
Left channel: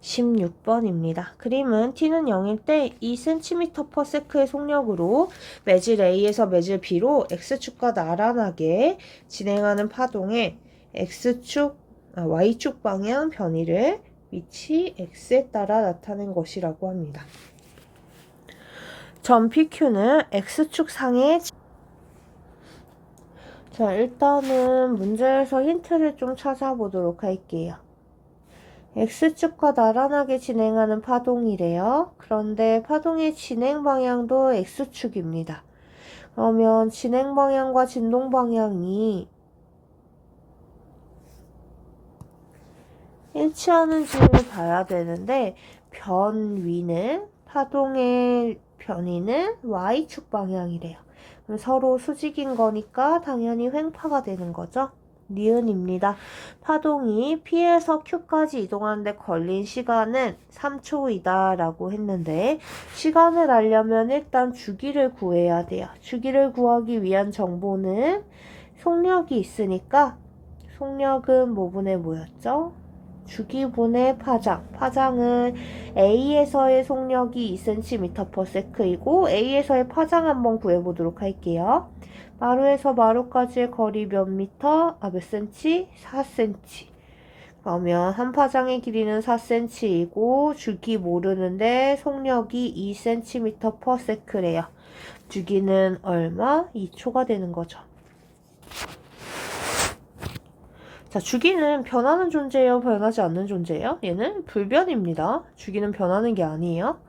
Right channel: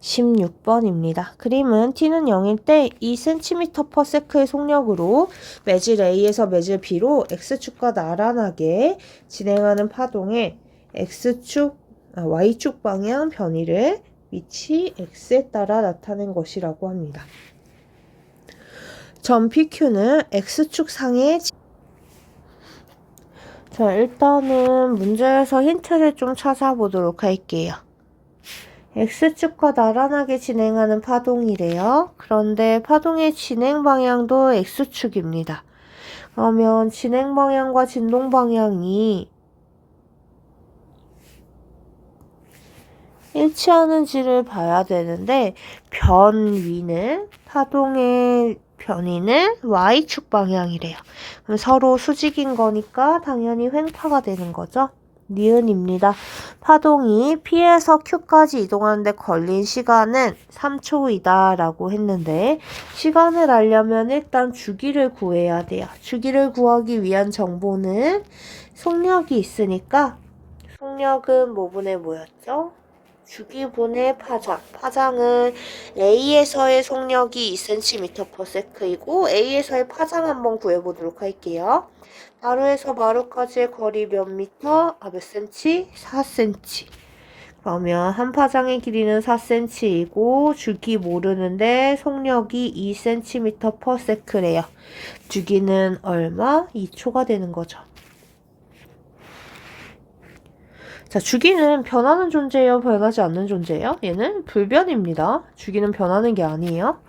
16번입니다. 그림은 T는 0일 때 2cm/s의 속력으로 매질 A에서 매질 B로 X축과 나란하게 진행하는 파동의 Y축 방향 변이를 위치 X에 따라 나타낸 것이라고 합니다. 점 PQ는 X축 상의 자, 일단은 문제에서 힌트를 좀 찾아보도록 할게요. X축과 나란하게 진행하는 파동이래요. 그런데 파동의 진행 방향도 X축입니다. 그러면 진행 방향과 진동 방향이 일치하는지를 봐야 되는데 파동의 변이는 Y축 방향이래요. 그럼 서로 수직인 거니까 당연히 횡파가 되는 거죠. 니은입니다. 파동이 P에서 Q까지 이동하는데 걸린 시간은 3초이다 라고 했는데 시간을 알려면 일단 주기를 구해야 돼요. 주기를 구하기 위한 정보는 속력이 있으니까 속력은 뭐분의 뭐였죠? 주기분의 파장. 파장은 A에서의 속력이 2cm/s이고 A에서의 파장 한번 구해보도록 할게요. 마루에서 마루까지의 거리 몇 미터? 몇 cm? 4cm. 그러면 한 파장의 길이는 4cm이고 주기 모르는데 속력이 2cm/s래요. 주기는 얼마? 2초가 되는 거죠. 자, 주기는 변하는 존재예요? 변하지 않는 존재예요? 얘는 불변입니다. 주기는 변하는 게 아니에요.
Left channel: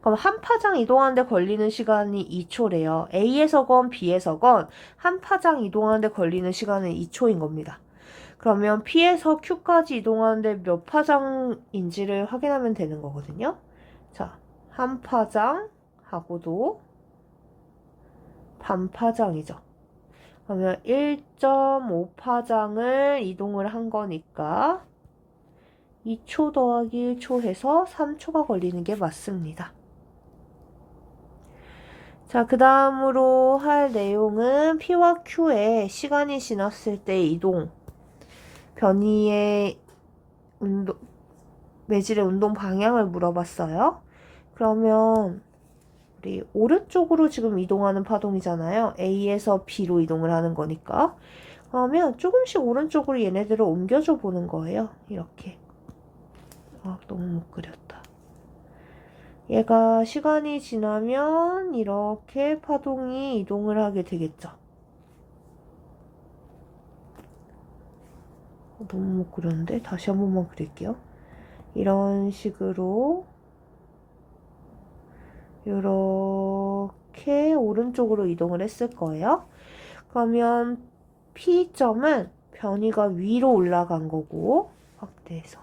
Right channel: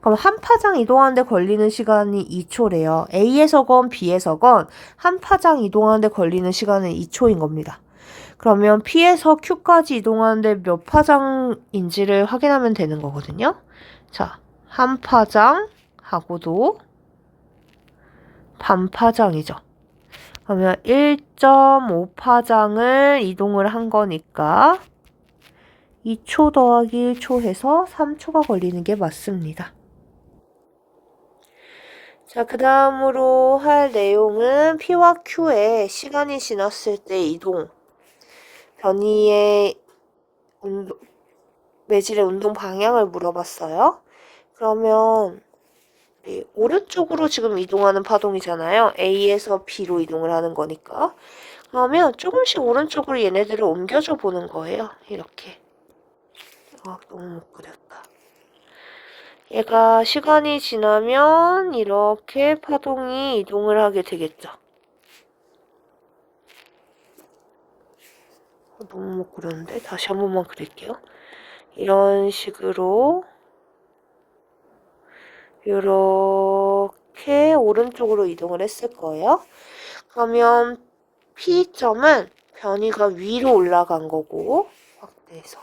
그럼 한 파장 이동하는데 걸리는 시간이 2초래요. A에서건 B에서건 한 파장 이동하는데 걸리는 시간은 2초인 겁니다. 그러면 P에서 Q까지 이동하는데 몇 파장인지를 확인하면 되는 거거든요. 자, 한 파장하고도 반 파장이죠. 그러면 1.5파장을 이동을 한 거니까 2초 더하기 1초 해서 3초가 걸리는 게 맞습니다. 자, 그 다음으로 할 내용은 P와 Q의 시간이 지났을 때 이동, 변이의 매질의 운동 방향을 물어봤어요. 그러면 우리 오른쪽으로 지금 이동하는 파동이잖아요. A에서 B로 이동을 하는 거니까. 그러면 조금씩 오른쪽으로 얘네들을 옮겨줘 보는 거예요. 이렇게. 너무 못 그렸다. 얘가 시간이 지나면 이렇게 파동이 이동을 하게 되겠죠. 너무 못 그렸는데 다시 한 번만 그릴게요. 이런 식으로 이렇게 오른쪽으로 이동을 했을 거예요. 그러면 P점은 변이가 위로 올라간 거고 확대해서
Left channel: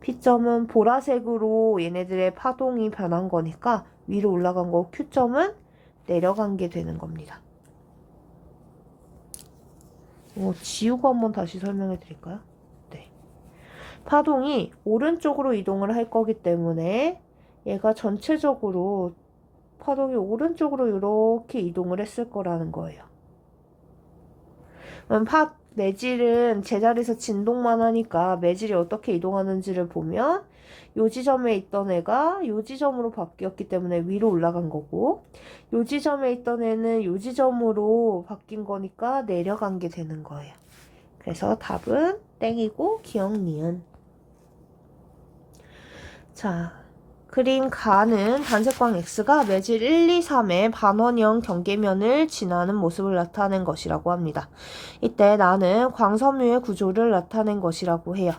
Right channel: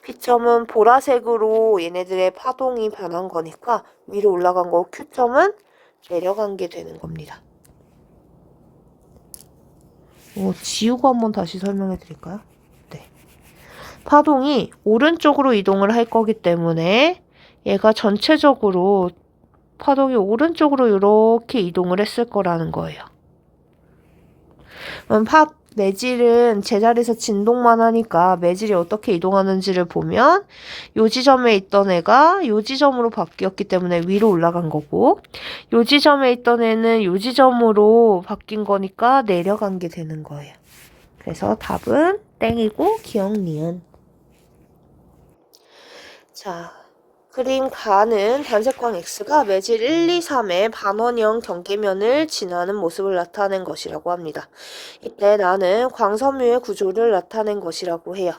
P점은 보라색으로 얘네들의 파동이 변한 거니까 위로 올라간 거고 Q점은 내려간 게 되는 겁니다. 지우고 한번 다시 설명해 드릴까요? 네. 파동이 오른쪽으로 이동을 할 거기 때문에 얘가 전체적으로 파동이 오른쪽으로 이렇게 이동을 했을 거라는 거예요. 그럼 매질은 제자리에서 진동만 하니까 매질이 어떻게 이동하는지를 보면 요 지점에 있던 애가 요 지점으로 바뀌었기 때문에 위로 올라간 거고 요 지점에 있던 애는 요 지점으로 바뀐 거니까 내려간 게 되는 거예요. 그래서 답은 땡이고 기억 니은. 자, 그림 가는 단색광 X가 매질 1, 2, 3의 반원형 경계면을 지나는 모습을 나타낸 것이라고 합니다. 이때 나는 광섬유의 구조를 나타낸 것이라고 해요.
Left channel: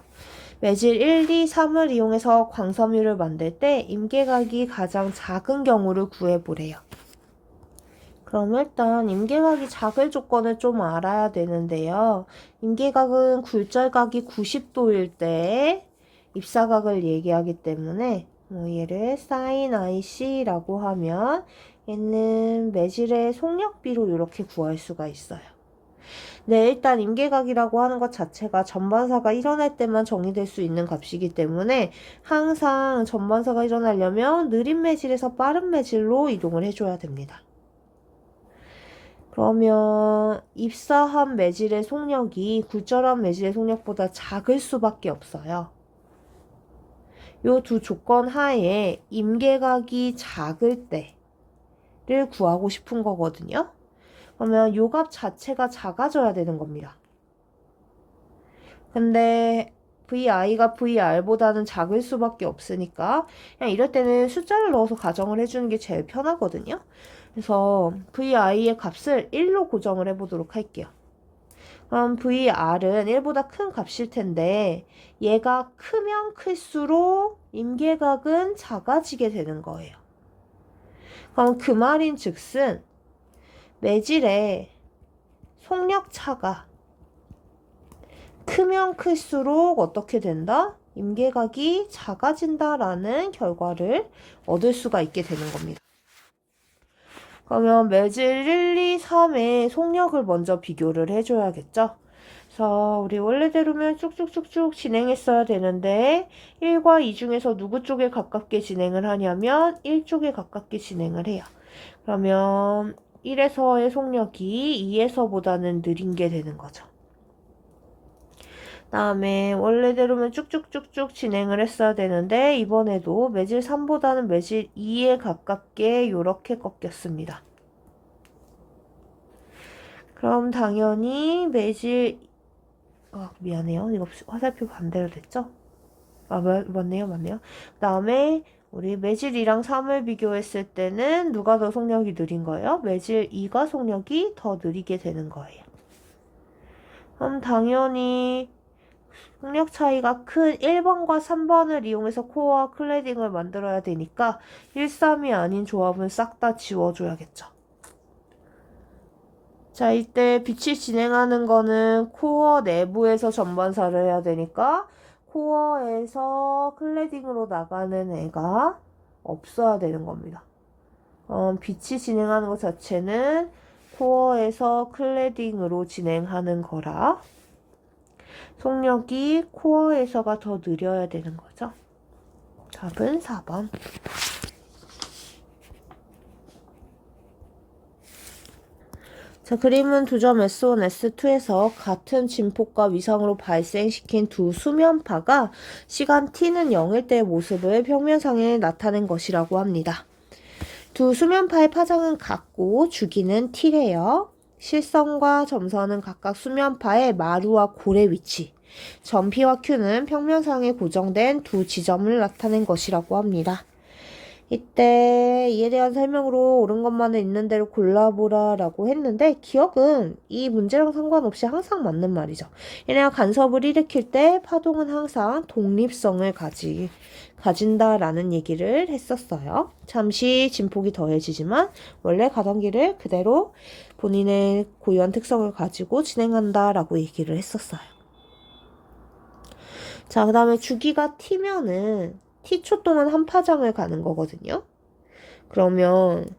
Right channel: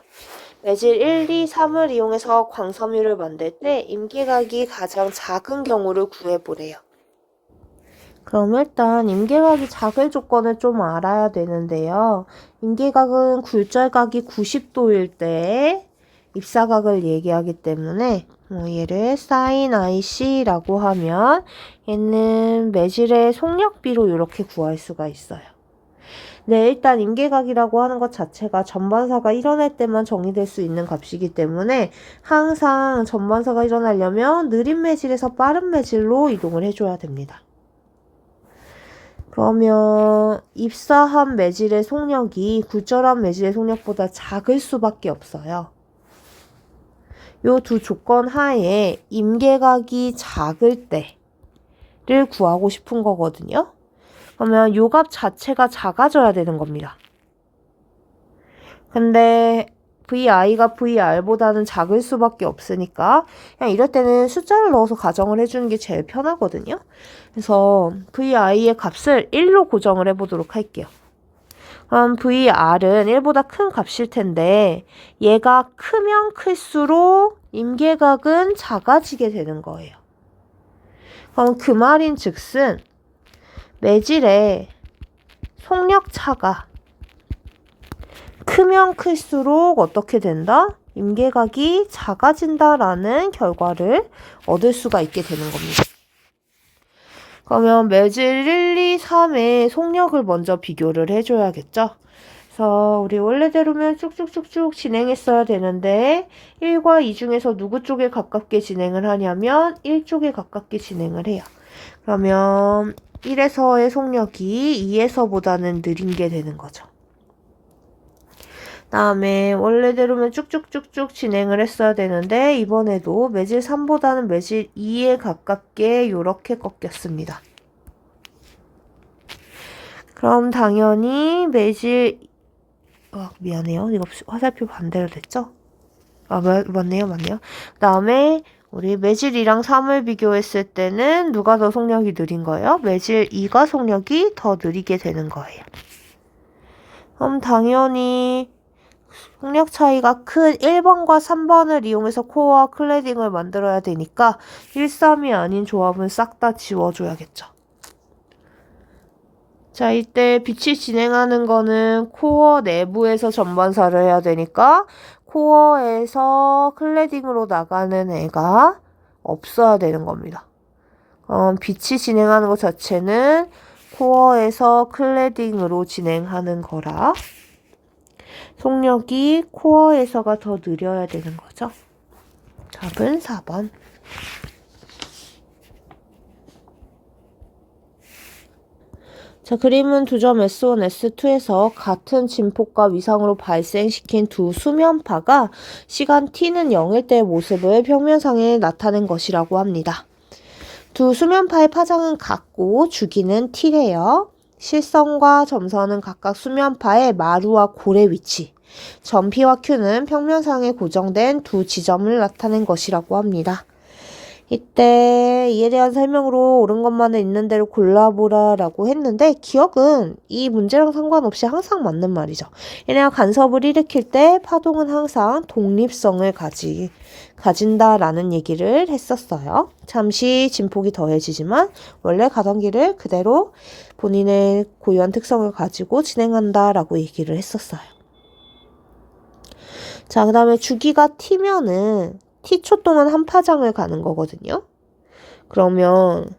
매질 1, 2, 3을 이용해서 광섬유를 만들 때 임계각이 가장 작은 경우를 구해보래요. 그럼 일단 임계각이 작을 조건을 좀 알아야 되는데요. 임계각은 굴절각이 90도일 때 입사각을 얘기하기 때문에 얘를 sin IC라고 하면 얘는 매질의 속력비로 이렇게 구할 수가 있어요. 네, 일단 임계각이라고 하는 것 자체가 전반사가 일어날 때만 정의될 수 있는 값이기 때문에 항상 전반사가 일어나려면 느린 매질에서 빠른 매질로 이동을 해줘야 됩니다. 그러면 입사한 매질의 속력이 굴절한 매질의 속력보다 작을 수밖에 없어요. 요 두 조건 하에 임계각이 작을 때를 구하고 싶은 거거든요. 그러면 요 값 자체가 작아져야 되는 겁니다. 근데 VI가 VR보다는 작을 수밖에 없으니까 그냥 이럴 때는 숫자를 넣어서 가정을 해주는 게 제일 편하거든요. 그래서 VI의 값을 1로 고정을 해보도록 할게요. 그럼 VR은 1보다 큰 값일 텐데 얘가 크면 클수록 임계각은 작아지게 되는 거예요. 그럼 그 말인 즉슨 매질의 속력차가 크면 클수록 어떻게 된다? 임계각이 작아진다라는 결과를 얻을 수가 있게 되는 겁니다. 그러면 매질 1, 2, 3의 속력을 먼저 비교를 해줘야겠죠? 그래서 우리 원래대로면 쭉쭉쭉쭉 진행했어야 되는데 1과 2 중에서 누구 쪽에 가깝게 진행을 하냐면 1 쪽에 가깝게 진행을 해요. 그러면 1에서의 속력이 2에서보다는 느린 게 되는 거죠. 다음에 원래대로면 쭉쭉쭉쭉 진행을 했어야 되는데 이번에도 매질 3보다는 매질 2에 가깝게 이렇게 꺾였습니다. 그럼 당연히 매질 미안해요. 이거 화살표 반대로 됐죠? 맞네요. 그 다음에 우리 매질 2랑 3을 비교했을 때는 누가 더 속력이 느린 거예요? 매질 2가 속력이 더 느리게 되는 거예요. 그럼 당연히 속력 차이가 큰 1번과 3번을 이용해서 코어와 클래딩을 만들어야 되니까 1, 3이 아닌 조합은 싹 다 지워줘야겠죠. 자, 이때 빛이 진행하는 거는 코어 내부에서 전반사를 해야 되니까 코어에서 클래딩으로 나가는 애가 없어야 되는 겁니다. 빛이 진행하는 것 자체는 코어에서 클래딩으로 진행하는 거라 속력이 코어에서가 더 느려야 되는 거죠. 답은 4번. 자, 그림은 두 점 S1, S2에서 같은 진폭과 위상으로 발생시킨 두 수면파가 시간 t는 0일 때의 모습을 평면상에 나타낸 것이라고 합니다. 두 수면파의 파장은 같고 주기는 t래요. 실선과 점선은 각각 수면파의 마루와 골의 위치, 점 P와 Q는 평면상에 고정된 두 지점을 나타낸 것이라고 합니다. 이때 이에 대한 설명으로 옳은 것만은 있는 대로 골라보라 라고 했는데 기억은 이 문제랑 상관없이 항상 맞는 말이죠. 얘네가 간섭을 일으킬 때 파동은 항상 독립성을 가진다라는 얘기를 했었어요. 잠시 진폭이 더해지지만 원래 가던 길을 그대로 본인의 고유한 특성을 가지고 진행한다라고 얘기를 했었어요. 자, 그 다음에 주기가 t면은 t초 동안 한 파장을 가는 거거든요. 그러면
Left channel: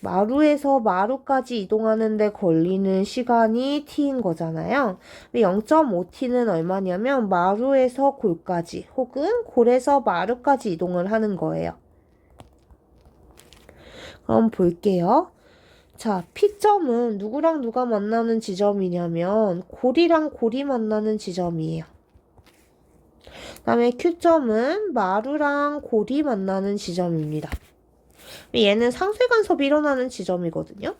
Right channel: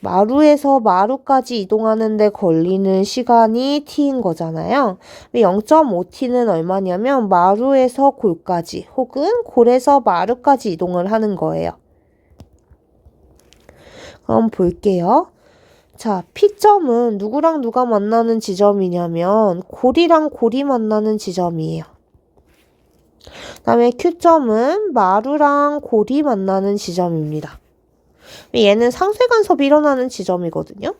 마루에서 마루까지 이동하는데 걸리는 시간이 t인 거잖아요. 0.5t는 얼마냐면 마루에서 골까지 혹은 골에서 마루까지 이동을 하는 거예요. 그럼 볼게요. 자, P점은 누구랑 누가 만나는 지점이냐면 골이랑 골이 만나는 지점이에요. 그 다음에 Q점은 마루랑 골이 만나는 지점입니다. 얘는 상쇄 간섭이 일어나는 지점이거든요.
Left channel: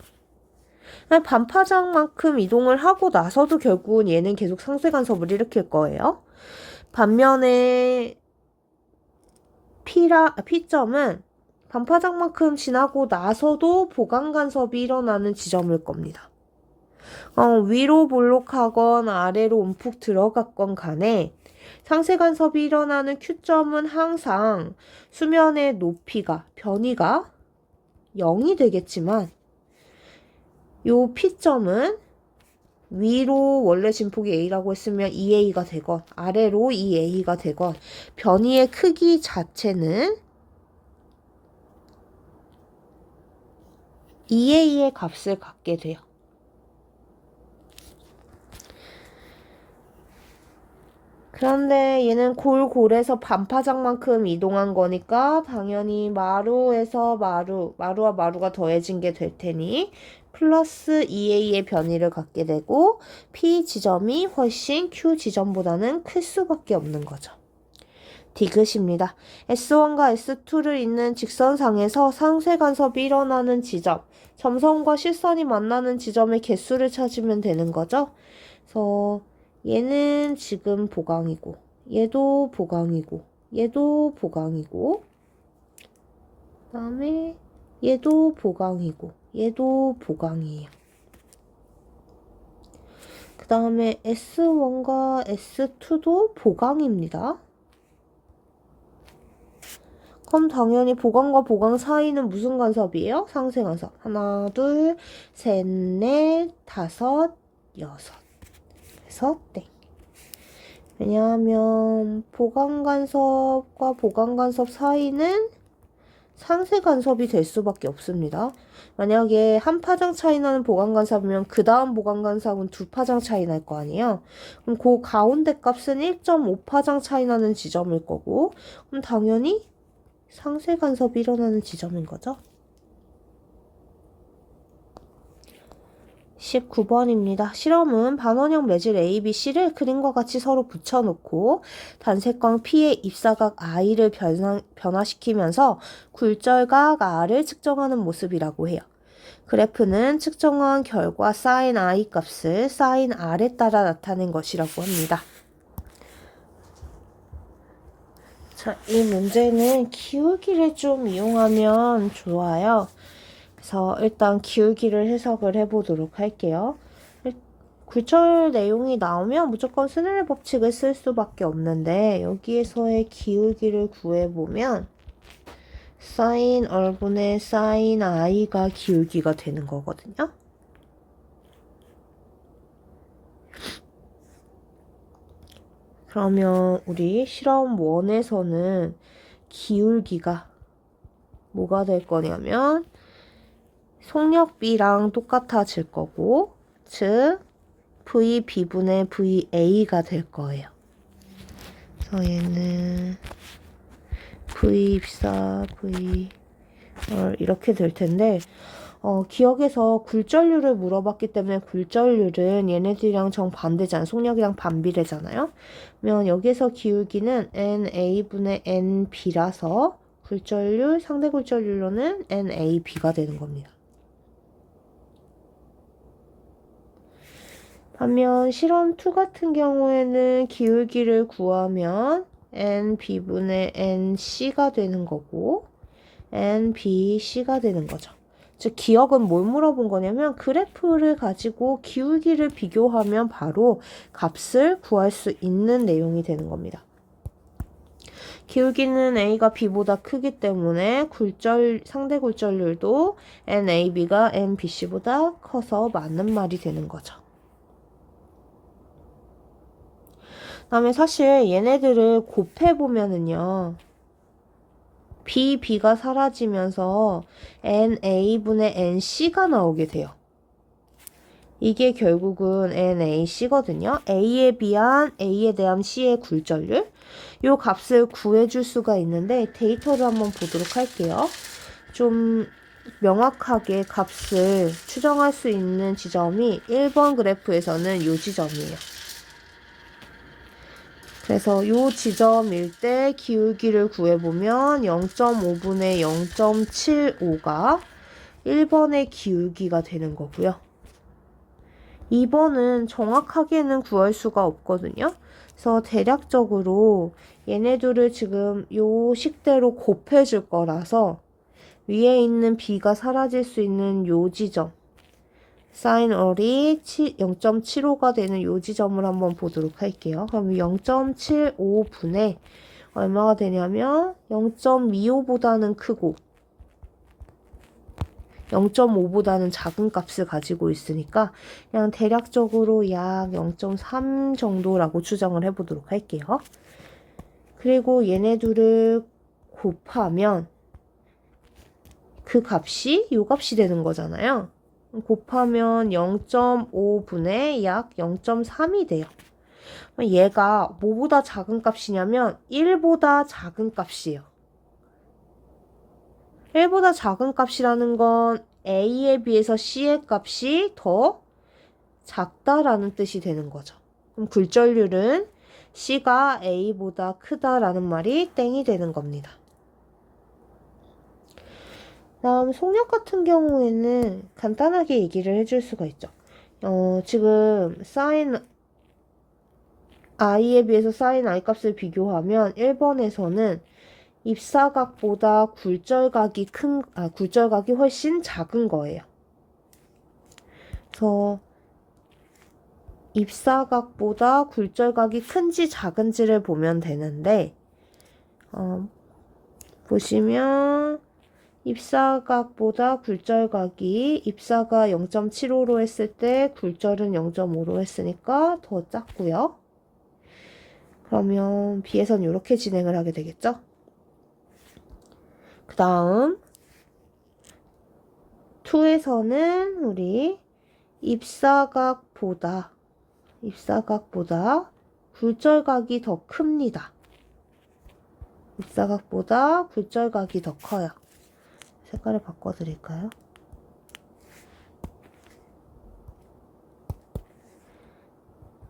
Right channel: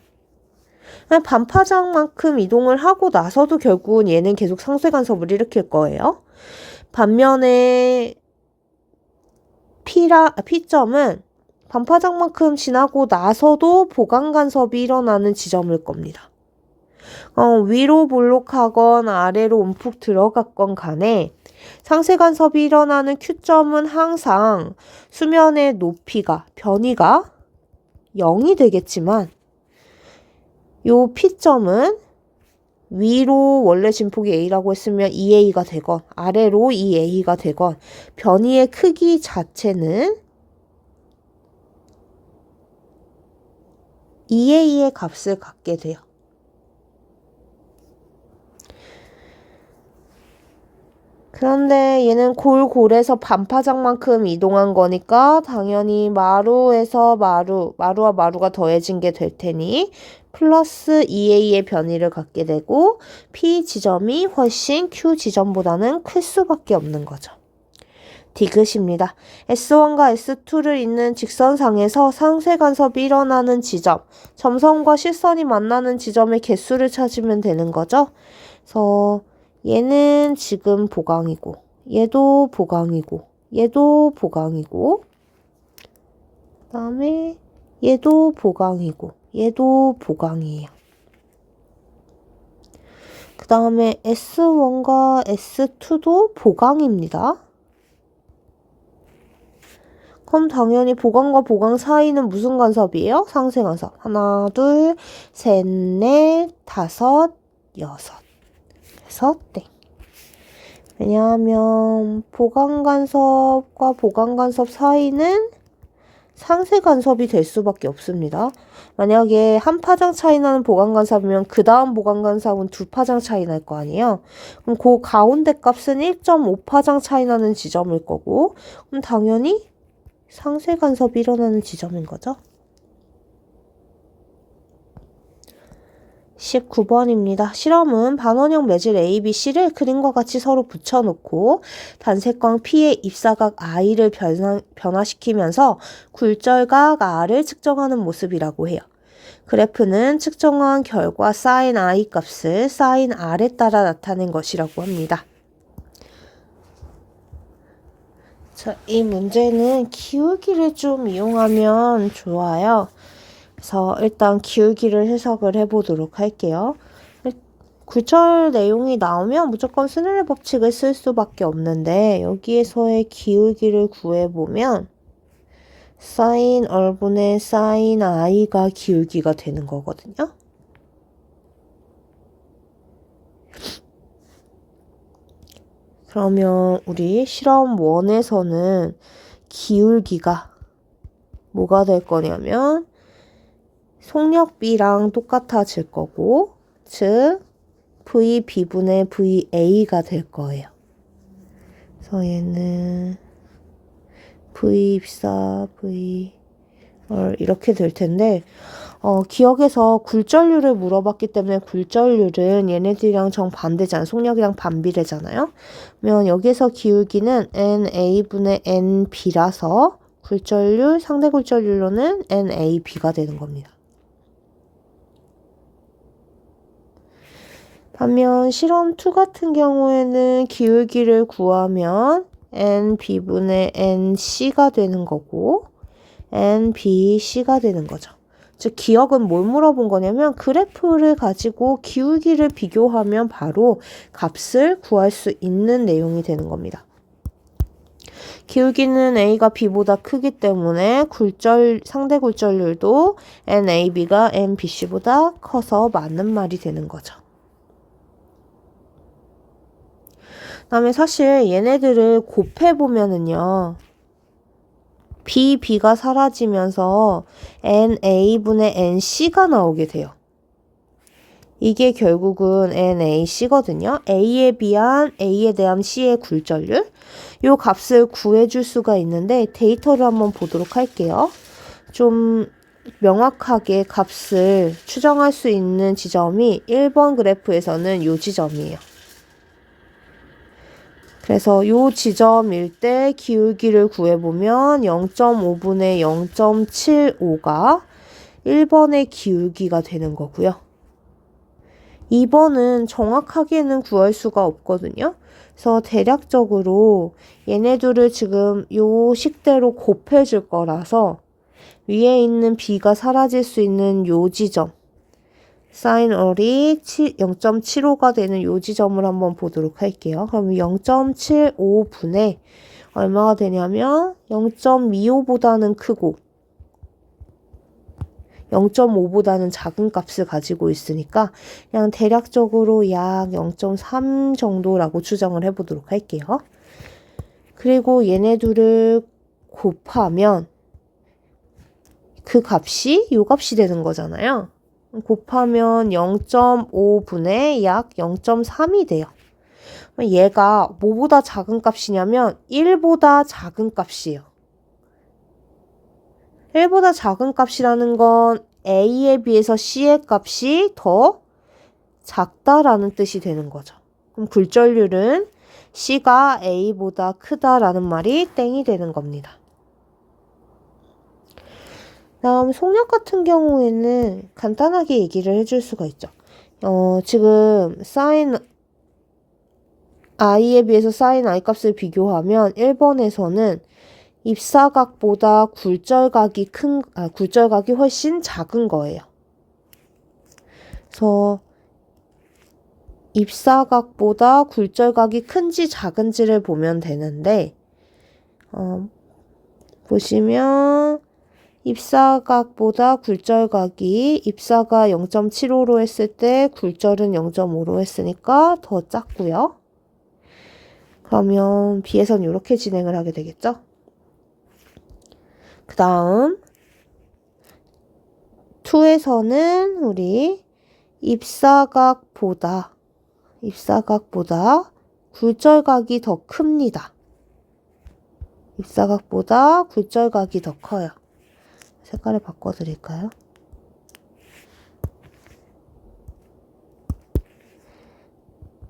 반파장만큼 이동을 하고 나서도 결국은 얘는 계속 상쇄 간섭을 일으킬 거예요. 반면에 P점은 반파장만큼 지나고 나서도 보강 간섭이 일어나는 지점일 겁니다. 위로 볼록하건 아래로 움푹 들어갔건 간에 상쇄 간섭이 일어나는 Q점은 항상 수면의 높이가, 변이가 0이 되겠지만 요 P점은 위로 원래 진폭이 A라고 했으면 2A가 되건 아래로 2A가 되건 변이의 크기 자체는 2A의 값을 갖게 돼요. 그런데 얘는 골골에서 반파장만큼 이동한 거니까 당연히 마루에서 마루와 마루가 더해진 게 될 테니 플러스 2A의 변이를 갖게 되고 P 지점이 훨씬 Q 지점보다는 클 수밖에 없는 거죠. 디귿입니다. S1과 S2를 잇는 직선상에서 상쇄 간섭이 일어나는 지점, 점선과 실선이 만나는 지점의 개수를 찾으면 되는 거죠. 그래서 얘는 지금 보강이고, 얘도 보강이고, 얘도 보강이고, 그 다음에 얘도 보강이고, 얘도 보강이에요. 그 다음에 S1과 S2도 보강입니다. 그럼 당연히 보강과 보강 사이는 무슨 간섭이에요? 상쇄 간섭. 하나, 둘, 셋, 넷, 다섯, 여섯. 그래서 땡. 왜냐하면 보강 간섭과 보강 간섭 사이는 상세 간섭이 될 수밖에 없습니다. 만약에 한 파장 차이 나는 보강 간섭이면 그 다음 보강 간섭은 두 파장 차이 날 거 아니에요. 그럼 그 가운데 값은 1.5 파장 차이 나는 지점일 거고, 그럼 당연히 상세 간섭이 일어나는 지점인 거죠. 19번입니다. 실험은 반원형 매질 A, B, C를 그림과 같이 서로 붙여놓고 단색광 P의 입사각 I를 변화시키면서 굴절각 R을 측정하는 모습이라고 해요. 그래프는 측정한 결과 sin I 값을 sin R에 따라 나타낸 것이라고 합니다. 자, 이 문제는 기울기를 좀 이용하면 좋아요. 그래서 일단 기울기를 해석을 해보도록 할게요. 굴절 내용이 나오면 무조건 스넬의 법칙을 쓸 수밖에 없는데 여기에서의 기울기를 구해보면 sin R분의 sin I가 기울기가 되는 거거든요. 그러면 우리 실험 1에서는 기울기가 뭐가 될 거냐면 속력비랑 똑같아질 거고, 즉 VB분의 VA가 될 거예요. 그래서 얘는 V 입사, V 이렇게 될 텐데, 기억에서 굴절률을 물어봤기 때문에 굴절률은 얘네들이랑 정반대잖아요. 속력이랑 반비례잖아요. 그러면 여기서 기울기는 NA분의 NB라서 굴절률, 상대 굴절률로는 NAB가 되는 겁니다. 반면 실험 2 같은 경우에는 기울기를 구하면 NB분의 NC가 되는 거고 NBC가 되는 거죠. 즉 기억은 뭘 물어본 거냐면 그래프를 가지고 기울기를 비교하면 바로 값을 구할 수 있는 내용이 되는 겁니다. 기울기는 A가 B보다 크기 때문에 상대 굴절률도 NAB가 NBC보다 커서 맞는 말이 되는 거죠. 그다음에 사실 얘네들을 곱해보면은요. B가 사라지면서 NA분의 NC가 나오게 돼요. 이게 결국은 NAC거든요. A에 대한 C의 굴절률. 요 값을 구해줄 수가 있는데 데이터를 한번 보도록 할게요. 좀 명확하게 값을 추정할 수 있는 지점이 1번 그래프에서는 요 지점이에요. 그래서 요 지점일 때 기울기를 구해보면 0.5분의 0.75가 1번의 기울기가 되는 거고요. 2번은 정확하게는 구할 수가 없거든요. 그래서 대략적으로 얘네들을 지금 요 식대로 곱해줄 거라서 위에 있는 B가 사라질 수 있는 요 지점 sin R이 0.75가 되는 요 지점을 한번 보도록 할게요. 그럼 0.75분의 얼마가 되냐면 0.25보다는 크고 0.5보다는 작은 값을 가지고 있으니까 그냥 대략적으로 약 0.3 정도라고 추정을 해보도록 할게요. 그리고 얘네 둘을 곱하면 그 값이 요 값이 되는 거잖아요. 곱하면 0.5분의 약 0.3이 돼요. 얘가 뭐보다 작은 값이냐면 1보다 작은 값이에요. 1보다 작은 값이라는 건 A에 비해서 C의 값이 더 작다라는 뜻이 되는 거죠. 그럼 굴절률은 C가 A보다 크다라는 말이 땡이 되는 겁니다. 다음 속력 같은 경우에는 간단하게 얘기를 해줄 수가 있죠. 지금 sin i에 비해서 sin i 값을 비교하면 1번에서는 입사각보다 굴절각이 훨씬 작은 거예요. 그래서 입사각보다 굴절각이 큰지 작은지를 보면 되는데, 보시면 입사각보다 굴절각이 입사가 0.75로 했을 때 굴절은 0.5로 했으니까 더 작고요. 그러면 B에서는 이렇게 진행을 하게 되겠죠. 그 다음 2에서는 우리 입사각보다 굴절각이 더 큽니다. 입사각보다 굴절각이 더 커요. 색깔을 바꿔드릴까요?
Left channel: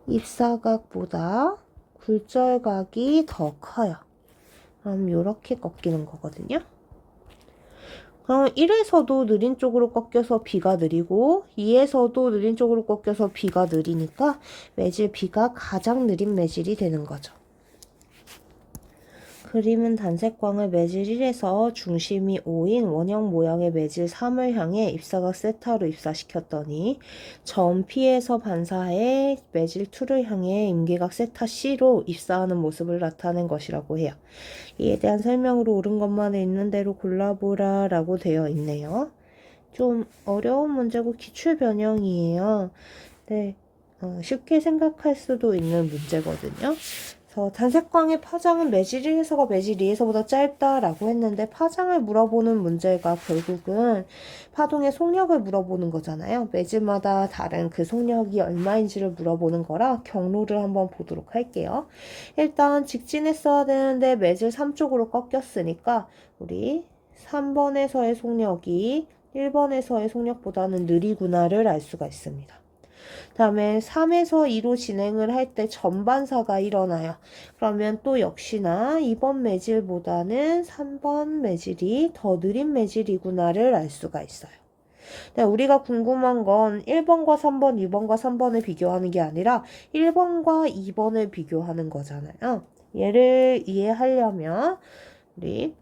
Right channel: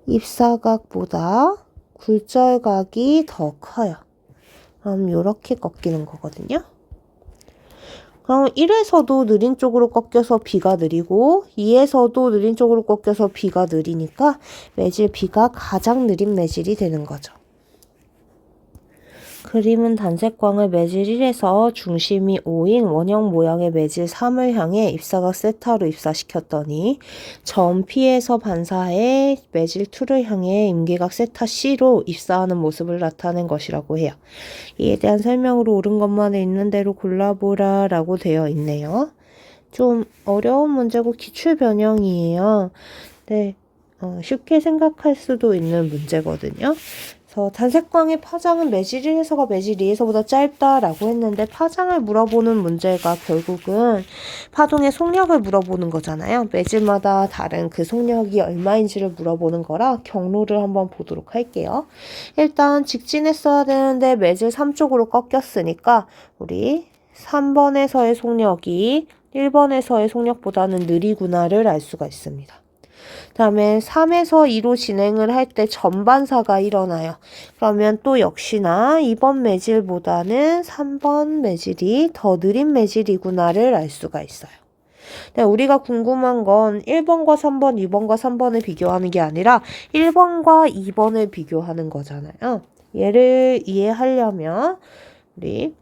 입사각보다 굴절각이 더 커요. 그럼 이렇게 꺾이는 거거든요. 그럼 1에서도 느린 쪽으로 꺾여서 B가 느리고 2에서도 느린 쪽으로 꺾여서 B가 느리니까 매질 B가 가장 느린 매질이 되는 거죠. 그림은 단색광을 매질 1에서 중심이 5인 원형 모양의 매질 3을 향해 입사각 세타로 입사시켰더니 점 P에서 반사해 매질 2를 향해 임계각 세타 C로 입사하는 모습을 나타낸 것이라고 해요. 이에 대한 설명으로 옳은 것만 있는 대로 골라보라 라고 되어 있네요. 좀 어려운 문제고 기출 변형이에요. 네, 쉽게 생각할 수도 있는 문제거든요. 그래서 단색광의 파장은 매질 1에서가 매질 2에서보다 짧다라고 했는데 파장을 물어보는 문제가 결국은 파동의 속력을 물어보는 거잖아요. 매질마다 다른 그 속력이 얼마인지를 물어보는 거라 경로를 한번 보도록 할게요. 일단 직진했어야 되는데 매질 3쪽으로 꺾였으니까 우리 3번에서의 속력이 1번에서의 속력보다는 느리구나를 알 수가 있습니다. 다음에 3에서 2로 진행을 할 때 전반사가 일어나요. 그러면 또 역시나 2번 매질보다는 3번 매질이 더 느린 매질이구나를 알 수가 있어요. 네, 우리가 궁금한 건 1번과 3번, 2번과 3번을 비교하는 게 아니라 1번과 2번을 비교하는 거잖아요. 얘를 이해하려면 우리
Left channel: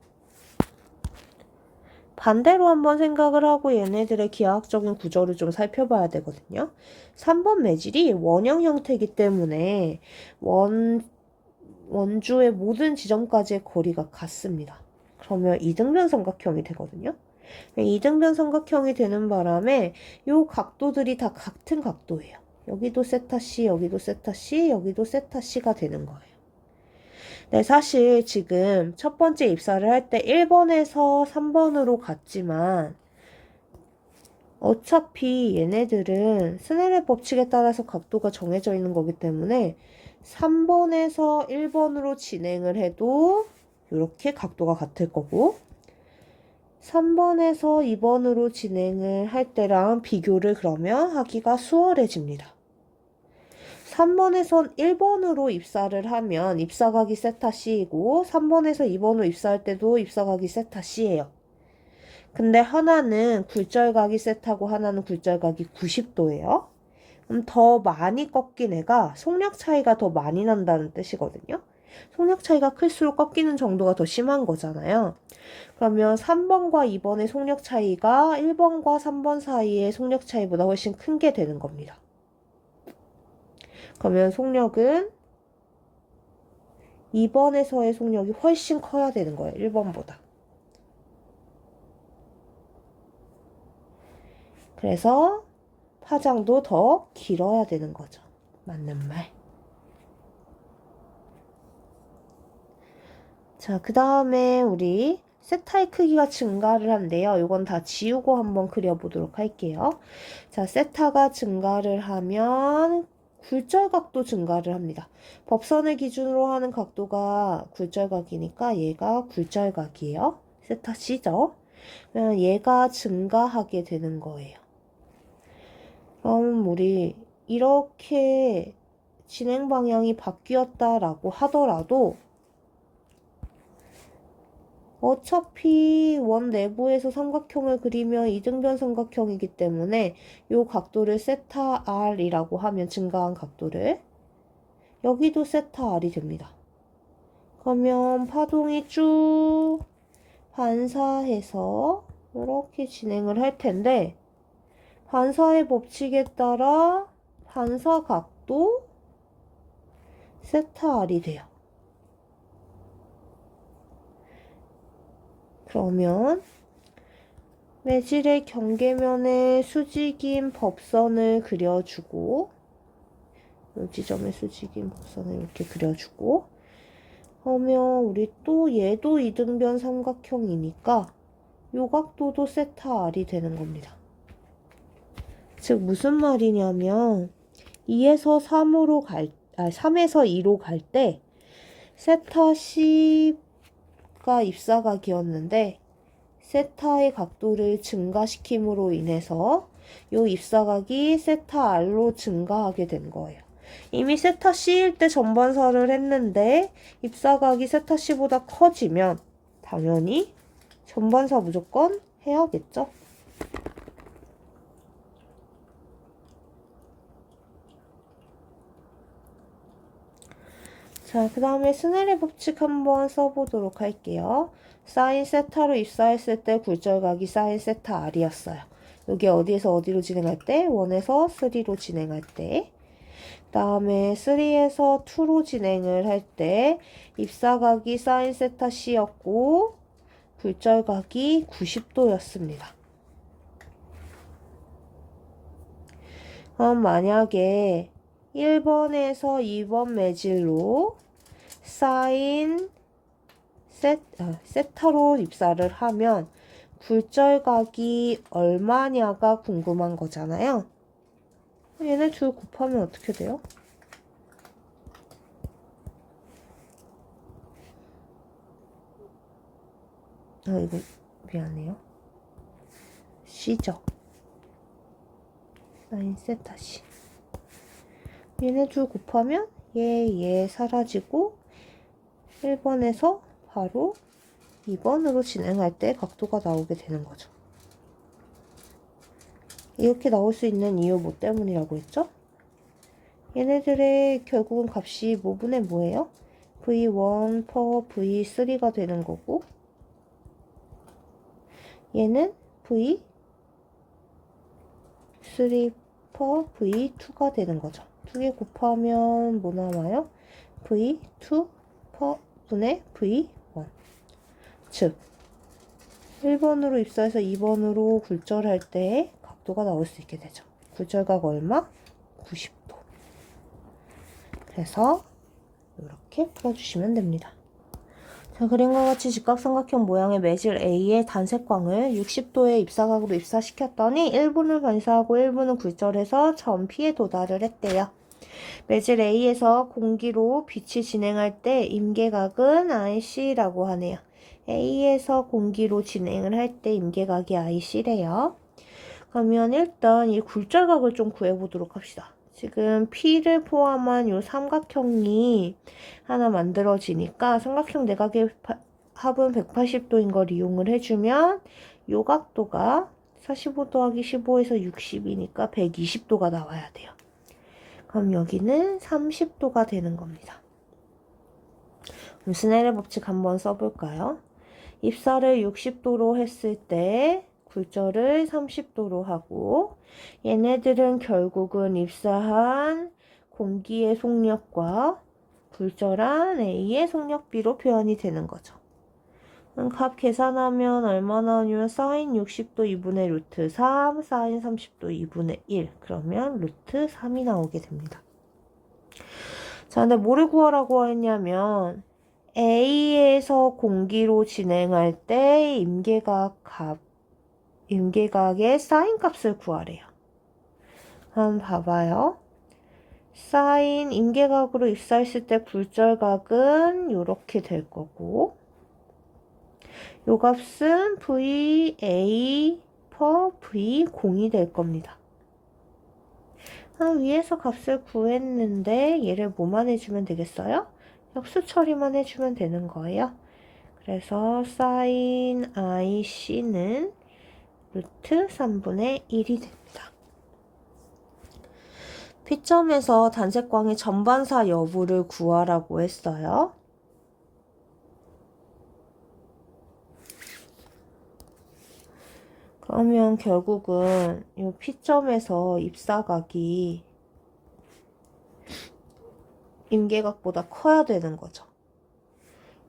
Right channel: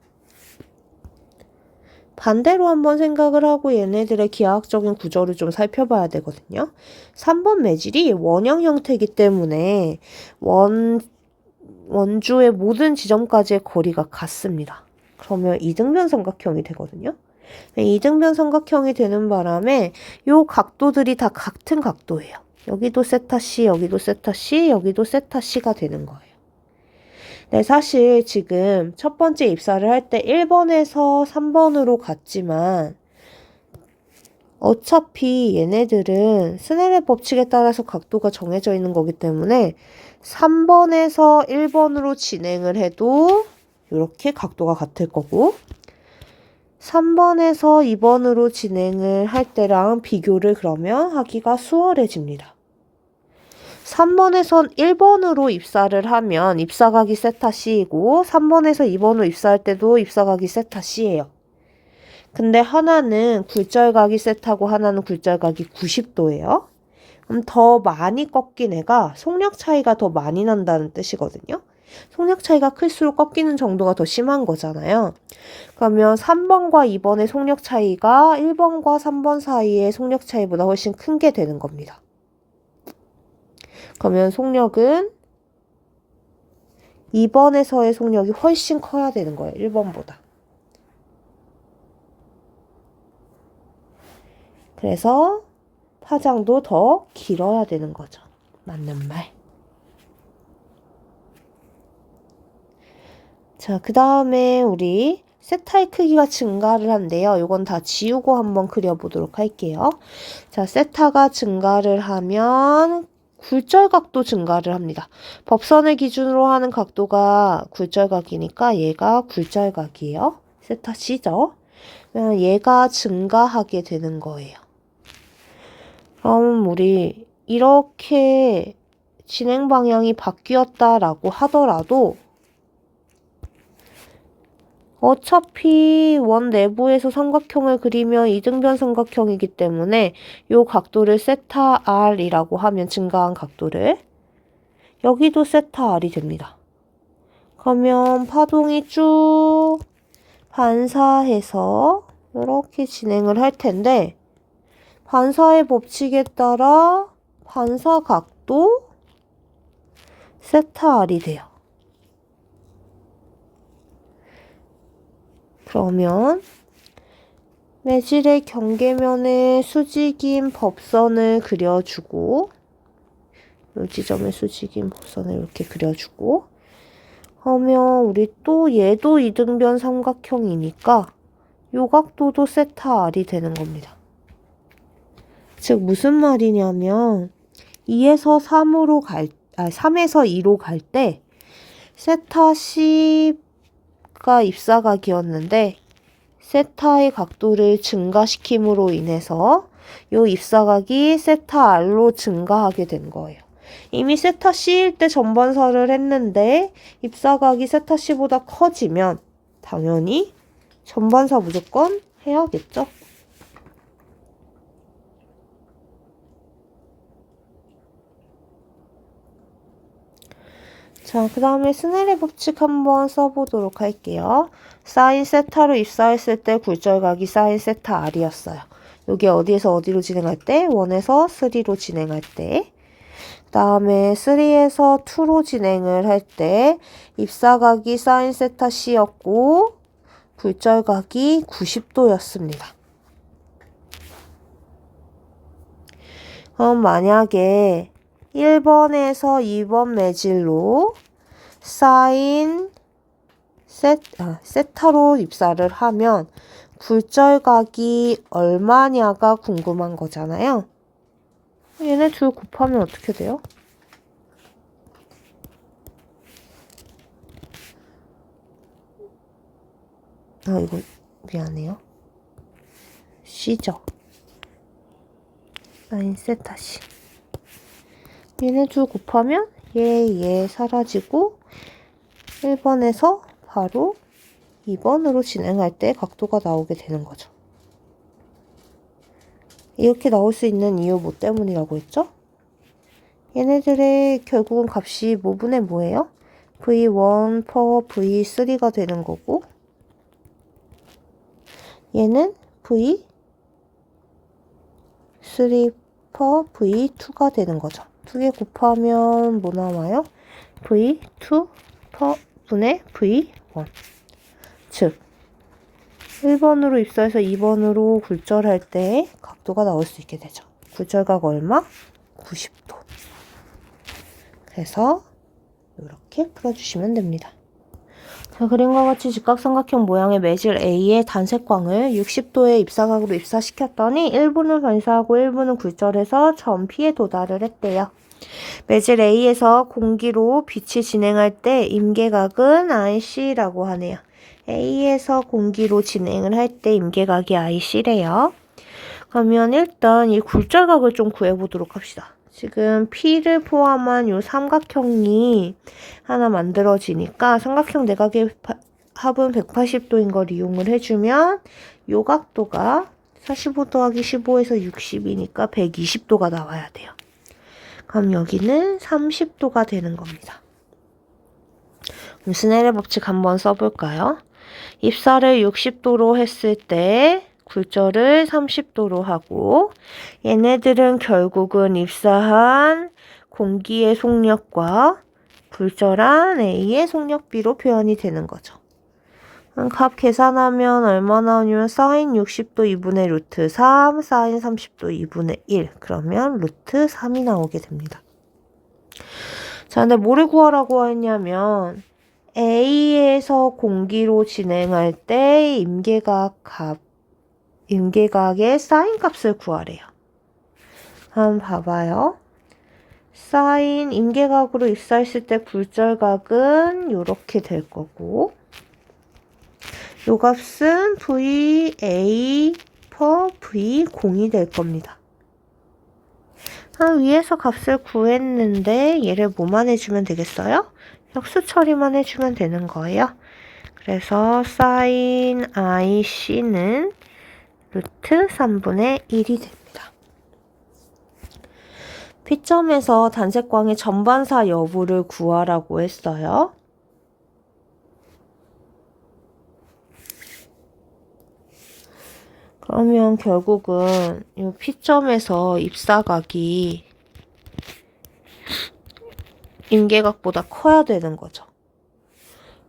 반대로 한번 생각을 하고 얘네들의 기하학적인 구조를 좀 살펴봐야 되거든요. 3번 매질이 원형 형태이기 때문에 원주의 모든 지점까지의 거리가 같습니다. 그러면 이등변 삼각형이 되거든요. 이등변 삼각형이 되는 바람에 요 각도들이 다 같은 각도예요. 여기도 세타 C, 여기도 세타 C, 여기도 세타 C가 되는 거예요. 네, 사실 지금 첫 번째 입사를 할 때 1번에서 3번으로 갔지만 어차피 얘네들은 스넬의 법칙에 따라서 각도가 정해져 있는 거기 때문에 3번에서 1번으로 진행을 해도 이렇게 각도가 같을 거고 3번에서 2번으로 진행을 할 때랑 비교를 그러면 하기가 수월해집니다. 3번에선 1번으로 입사를 하면 입사각이 세타 C이고 3번에서 2번으로 입사할 때도 입사각이 세타 C예요. 근데 하나는 굴절각이 세타고 하나는 굴절각이 90도예요. 그럼 더 많이 꺾인 애가 속력 차이가 더 많이 난다는 뜻이거든요. 속력 차이가 클수록 꺾이는 정도가 더 심한 거잖아요. 그러면 3번과 2번의 속력 차이가 1번과 3번 사이의 속력 차이보다 훨씬 큰 게 되는 겁니다. 그러면 속력은 2번에서의 속력이 훨씬 커야 되는 거예요. 1번보다. 그래서 파장도 더 길어야 되는 거죠. 맞는 말. 자, 그 다음에 우리 세타의 크기가 증가를 한대요. 이건 다 지우고 한번 그려보도록 할게요. 자, 세타가 증가를 하면 굴절각도 증가를 합니다. 법선을 기준으로 하는 각도가 굴절각이니까 얘가 굴절각이에요. 세타 C죠. 얘가 증가하게 되는 거예요. 그럼 우리 이렇게 진행 방향이 바뀌었다라고 하더라도 어차피 원 내부에서 삼각형을 그리면 이등변 삼각형이기 때문에 이 각도를 세타 R이라고 하면 증가한 각도를 여기도 세타 R이 됩니다. 그러면 파동이 쭉 반사해서 이렇게 진행을 할 텐데 반사의 법칙에 따라 반사 각도 세타 R이 돼요. 그러면 매질의 경계면에 수직인 법선을 그려주고 이 지점에 수직인 법선을 이렇게 그려주고 하면 우리 또 얘도 이등변 삼각형이니까 요 각도도 세타 R이 되는 겁니다. 즉 무슨 말이냐면 2에서 3으로 3에서 2로 갈 때 세타 C가 입사각이었는데 세타의 각도를 증가시킴으로 인해서 요 입사각이 세타 R로 증가하게 된 거예요. 이미 세타 C일 때 전반사를 했는데 입사각이 세타 C보다 커지면 당연히 전반사 무조건 해야겠죠. 자, 그 다음에 스넬의 법칙 한번 써보도록 할게요. 사인 세타로 입사했을 때 굴절각이 사인 세타 R이었어요. 여기 어디에서 어디로 진행할 때? 1에서 3로 진행할 때. 그 다음에 3에서 2로 진행을 할 때 입사각이 사인 세타 C였고 굴절각이 90도였습니다. 그럼 만약에 1번에서 2번 매질로 사인 세타로 입사를 하면 굴절각이 얼마냐가 궁금한 거잖아요. 얘네 둘 곱하면 어떻게 돼요? 이거 미안해요. C죠. 사인 세타 C. 얘네 둘 곱하면 얘 사라지고 1번에서 바로 2번으로 진행할 때 각도가 나오게 되는 거죠. 이렇게 나올 수 있는 이유 뭐 때문이라고 했죠? 얘네들의 결국은 값이 뭐분의 뭐예요? V1 per V3가 되는 거고 얘는 V3 per V2가 되는 거죠. 두 개 곱하면 뭐 나와요? V2 per 분의 V1. 즉 1번으로 입사해서 2번으로 굴절할 때 각도가 나올 수 있게 되죠. 굴절각 얼마? 90도. 그래서 이렇게 풀어주시면 됩니다. 자, 그림과 같이 직각삼각형 모양의 매질 A의 단색광을 60도의 입사각으로 입사시켰더니 1분을 반사하고 1분은 굴절해서 점 P에 도달을 했대요. 매질 A에서 공기로 빛이 진행할 때 임계각은 IC라고 하네요. A에서 공기로 진행을 할 때 임계각이 IC래요. 그러면 일단 이 굴절각을 좀 구해보도록 합시다. 지금 P를 포함한 이 삼각형이 하나 만들어지니까 삼각형 내각의 합은 180도인 걸 이용을 해주면 이 각도가 45 더하기 15에서 60이니까 120도가 나와야 돼요. 그럼 여기는 30도가 되는 겁니다. 그럼 스넬의 법칙 한번 써볼까요? 입사를 60도로 했을 때 굴절을 30도로 하고 얘네들은 결국은 입사한 공기의 속력과 굴절한 A의 속력비로 표현이 되는 거죠. 값 계산하면 얼마 나오냐면 사인 60도 2분의 루트 3, 사인 30도 2분의 1. 그러면 루트 3이 나오게 됩니다. 자, 근데 뭐를 구하라고 했냐면 A에서 공기로 진행할 때 임계각의 사인 값을 구하래요. 한번 봐봐요. 사인 임계각으로 입사했을 때 굴절각은 이렇게 될 거고 요 값은 VA per V0이 될 겁니다. 위에서 값을 구했는데 얘를 뭐만 해주면 되겠어요? 역수 처리만 해주면 되는 거예요. 그래서 sin IC는 루트 3분의 1이 됩니다. P점에서 단색광의 전반사 여부를 구하라고 했어요. 그러면 결국은 이 P점에서 입사각이 임계각보다 커야 되는 거죠.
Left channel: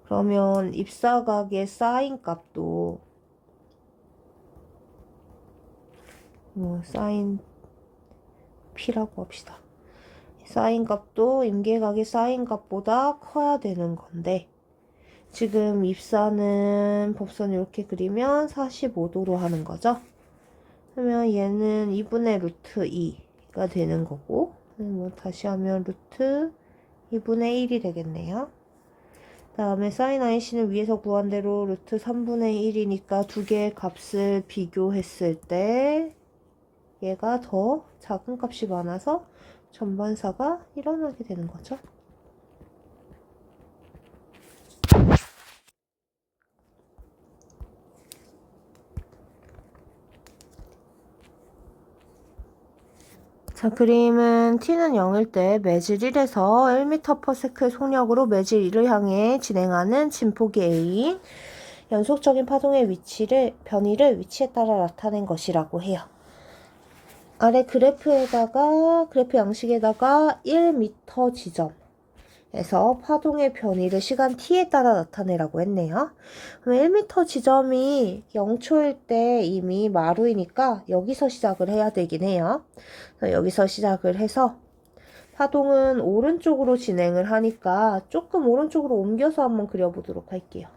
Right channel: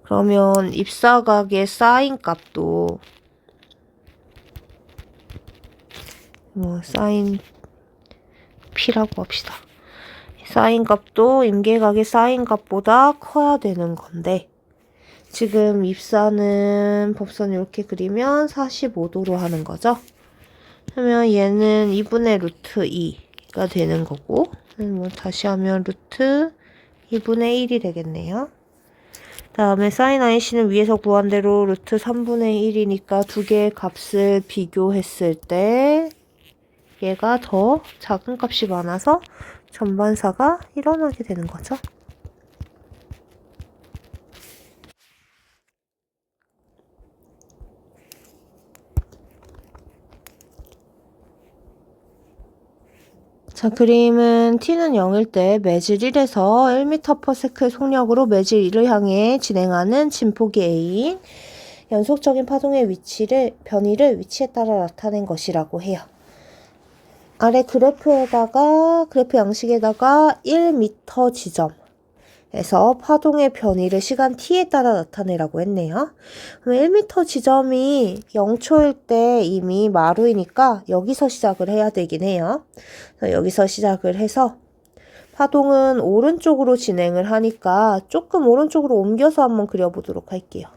그러면 입사각의 사인 값도 사인 P라고 합시다. 사인 값도 임계각의 사인 값보다 커야 되는 건데 지금 입사는 법선 이렇게 그리면 45도로 하는 거죠. 그러면 얘는 2분의 루트 2가 되는 거고, 뭐 다시 하면 루트 2분의 1이 되겠네요. 다음에 사인 IC는 위에서 구한 대로 루트 3분의 1이니까 두 개의 값을 비교했을 때 얘가 더 작은 값이 많아서 전반사가 일어나게 되는 거죠. 자, 그림은 t는 0일 때 매질 1에서 1m/s의 속력으로 매질 2를 향해 진행하는 진폭이 A인 연속적인 파동의 변이를 위치에 따라 나타낸 것이라고 해요. 아래 그래프 양식에다가 1m 지점에서 파동의 변이를 시간 t에 따라 나타내라고 했네요. 그럼 1m 지점이 0초일 때 이미 마루이니까 여기서 시작을 해야 되긴 해요. 여기서 시작을 해서 파동은 오른쪽으로 진행을 하니까 조금 오른쪽으로 옮겨서 한번 그려보도록 할게요.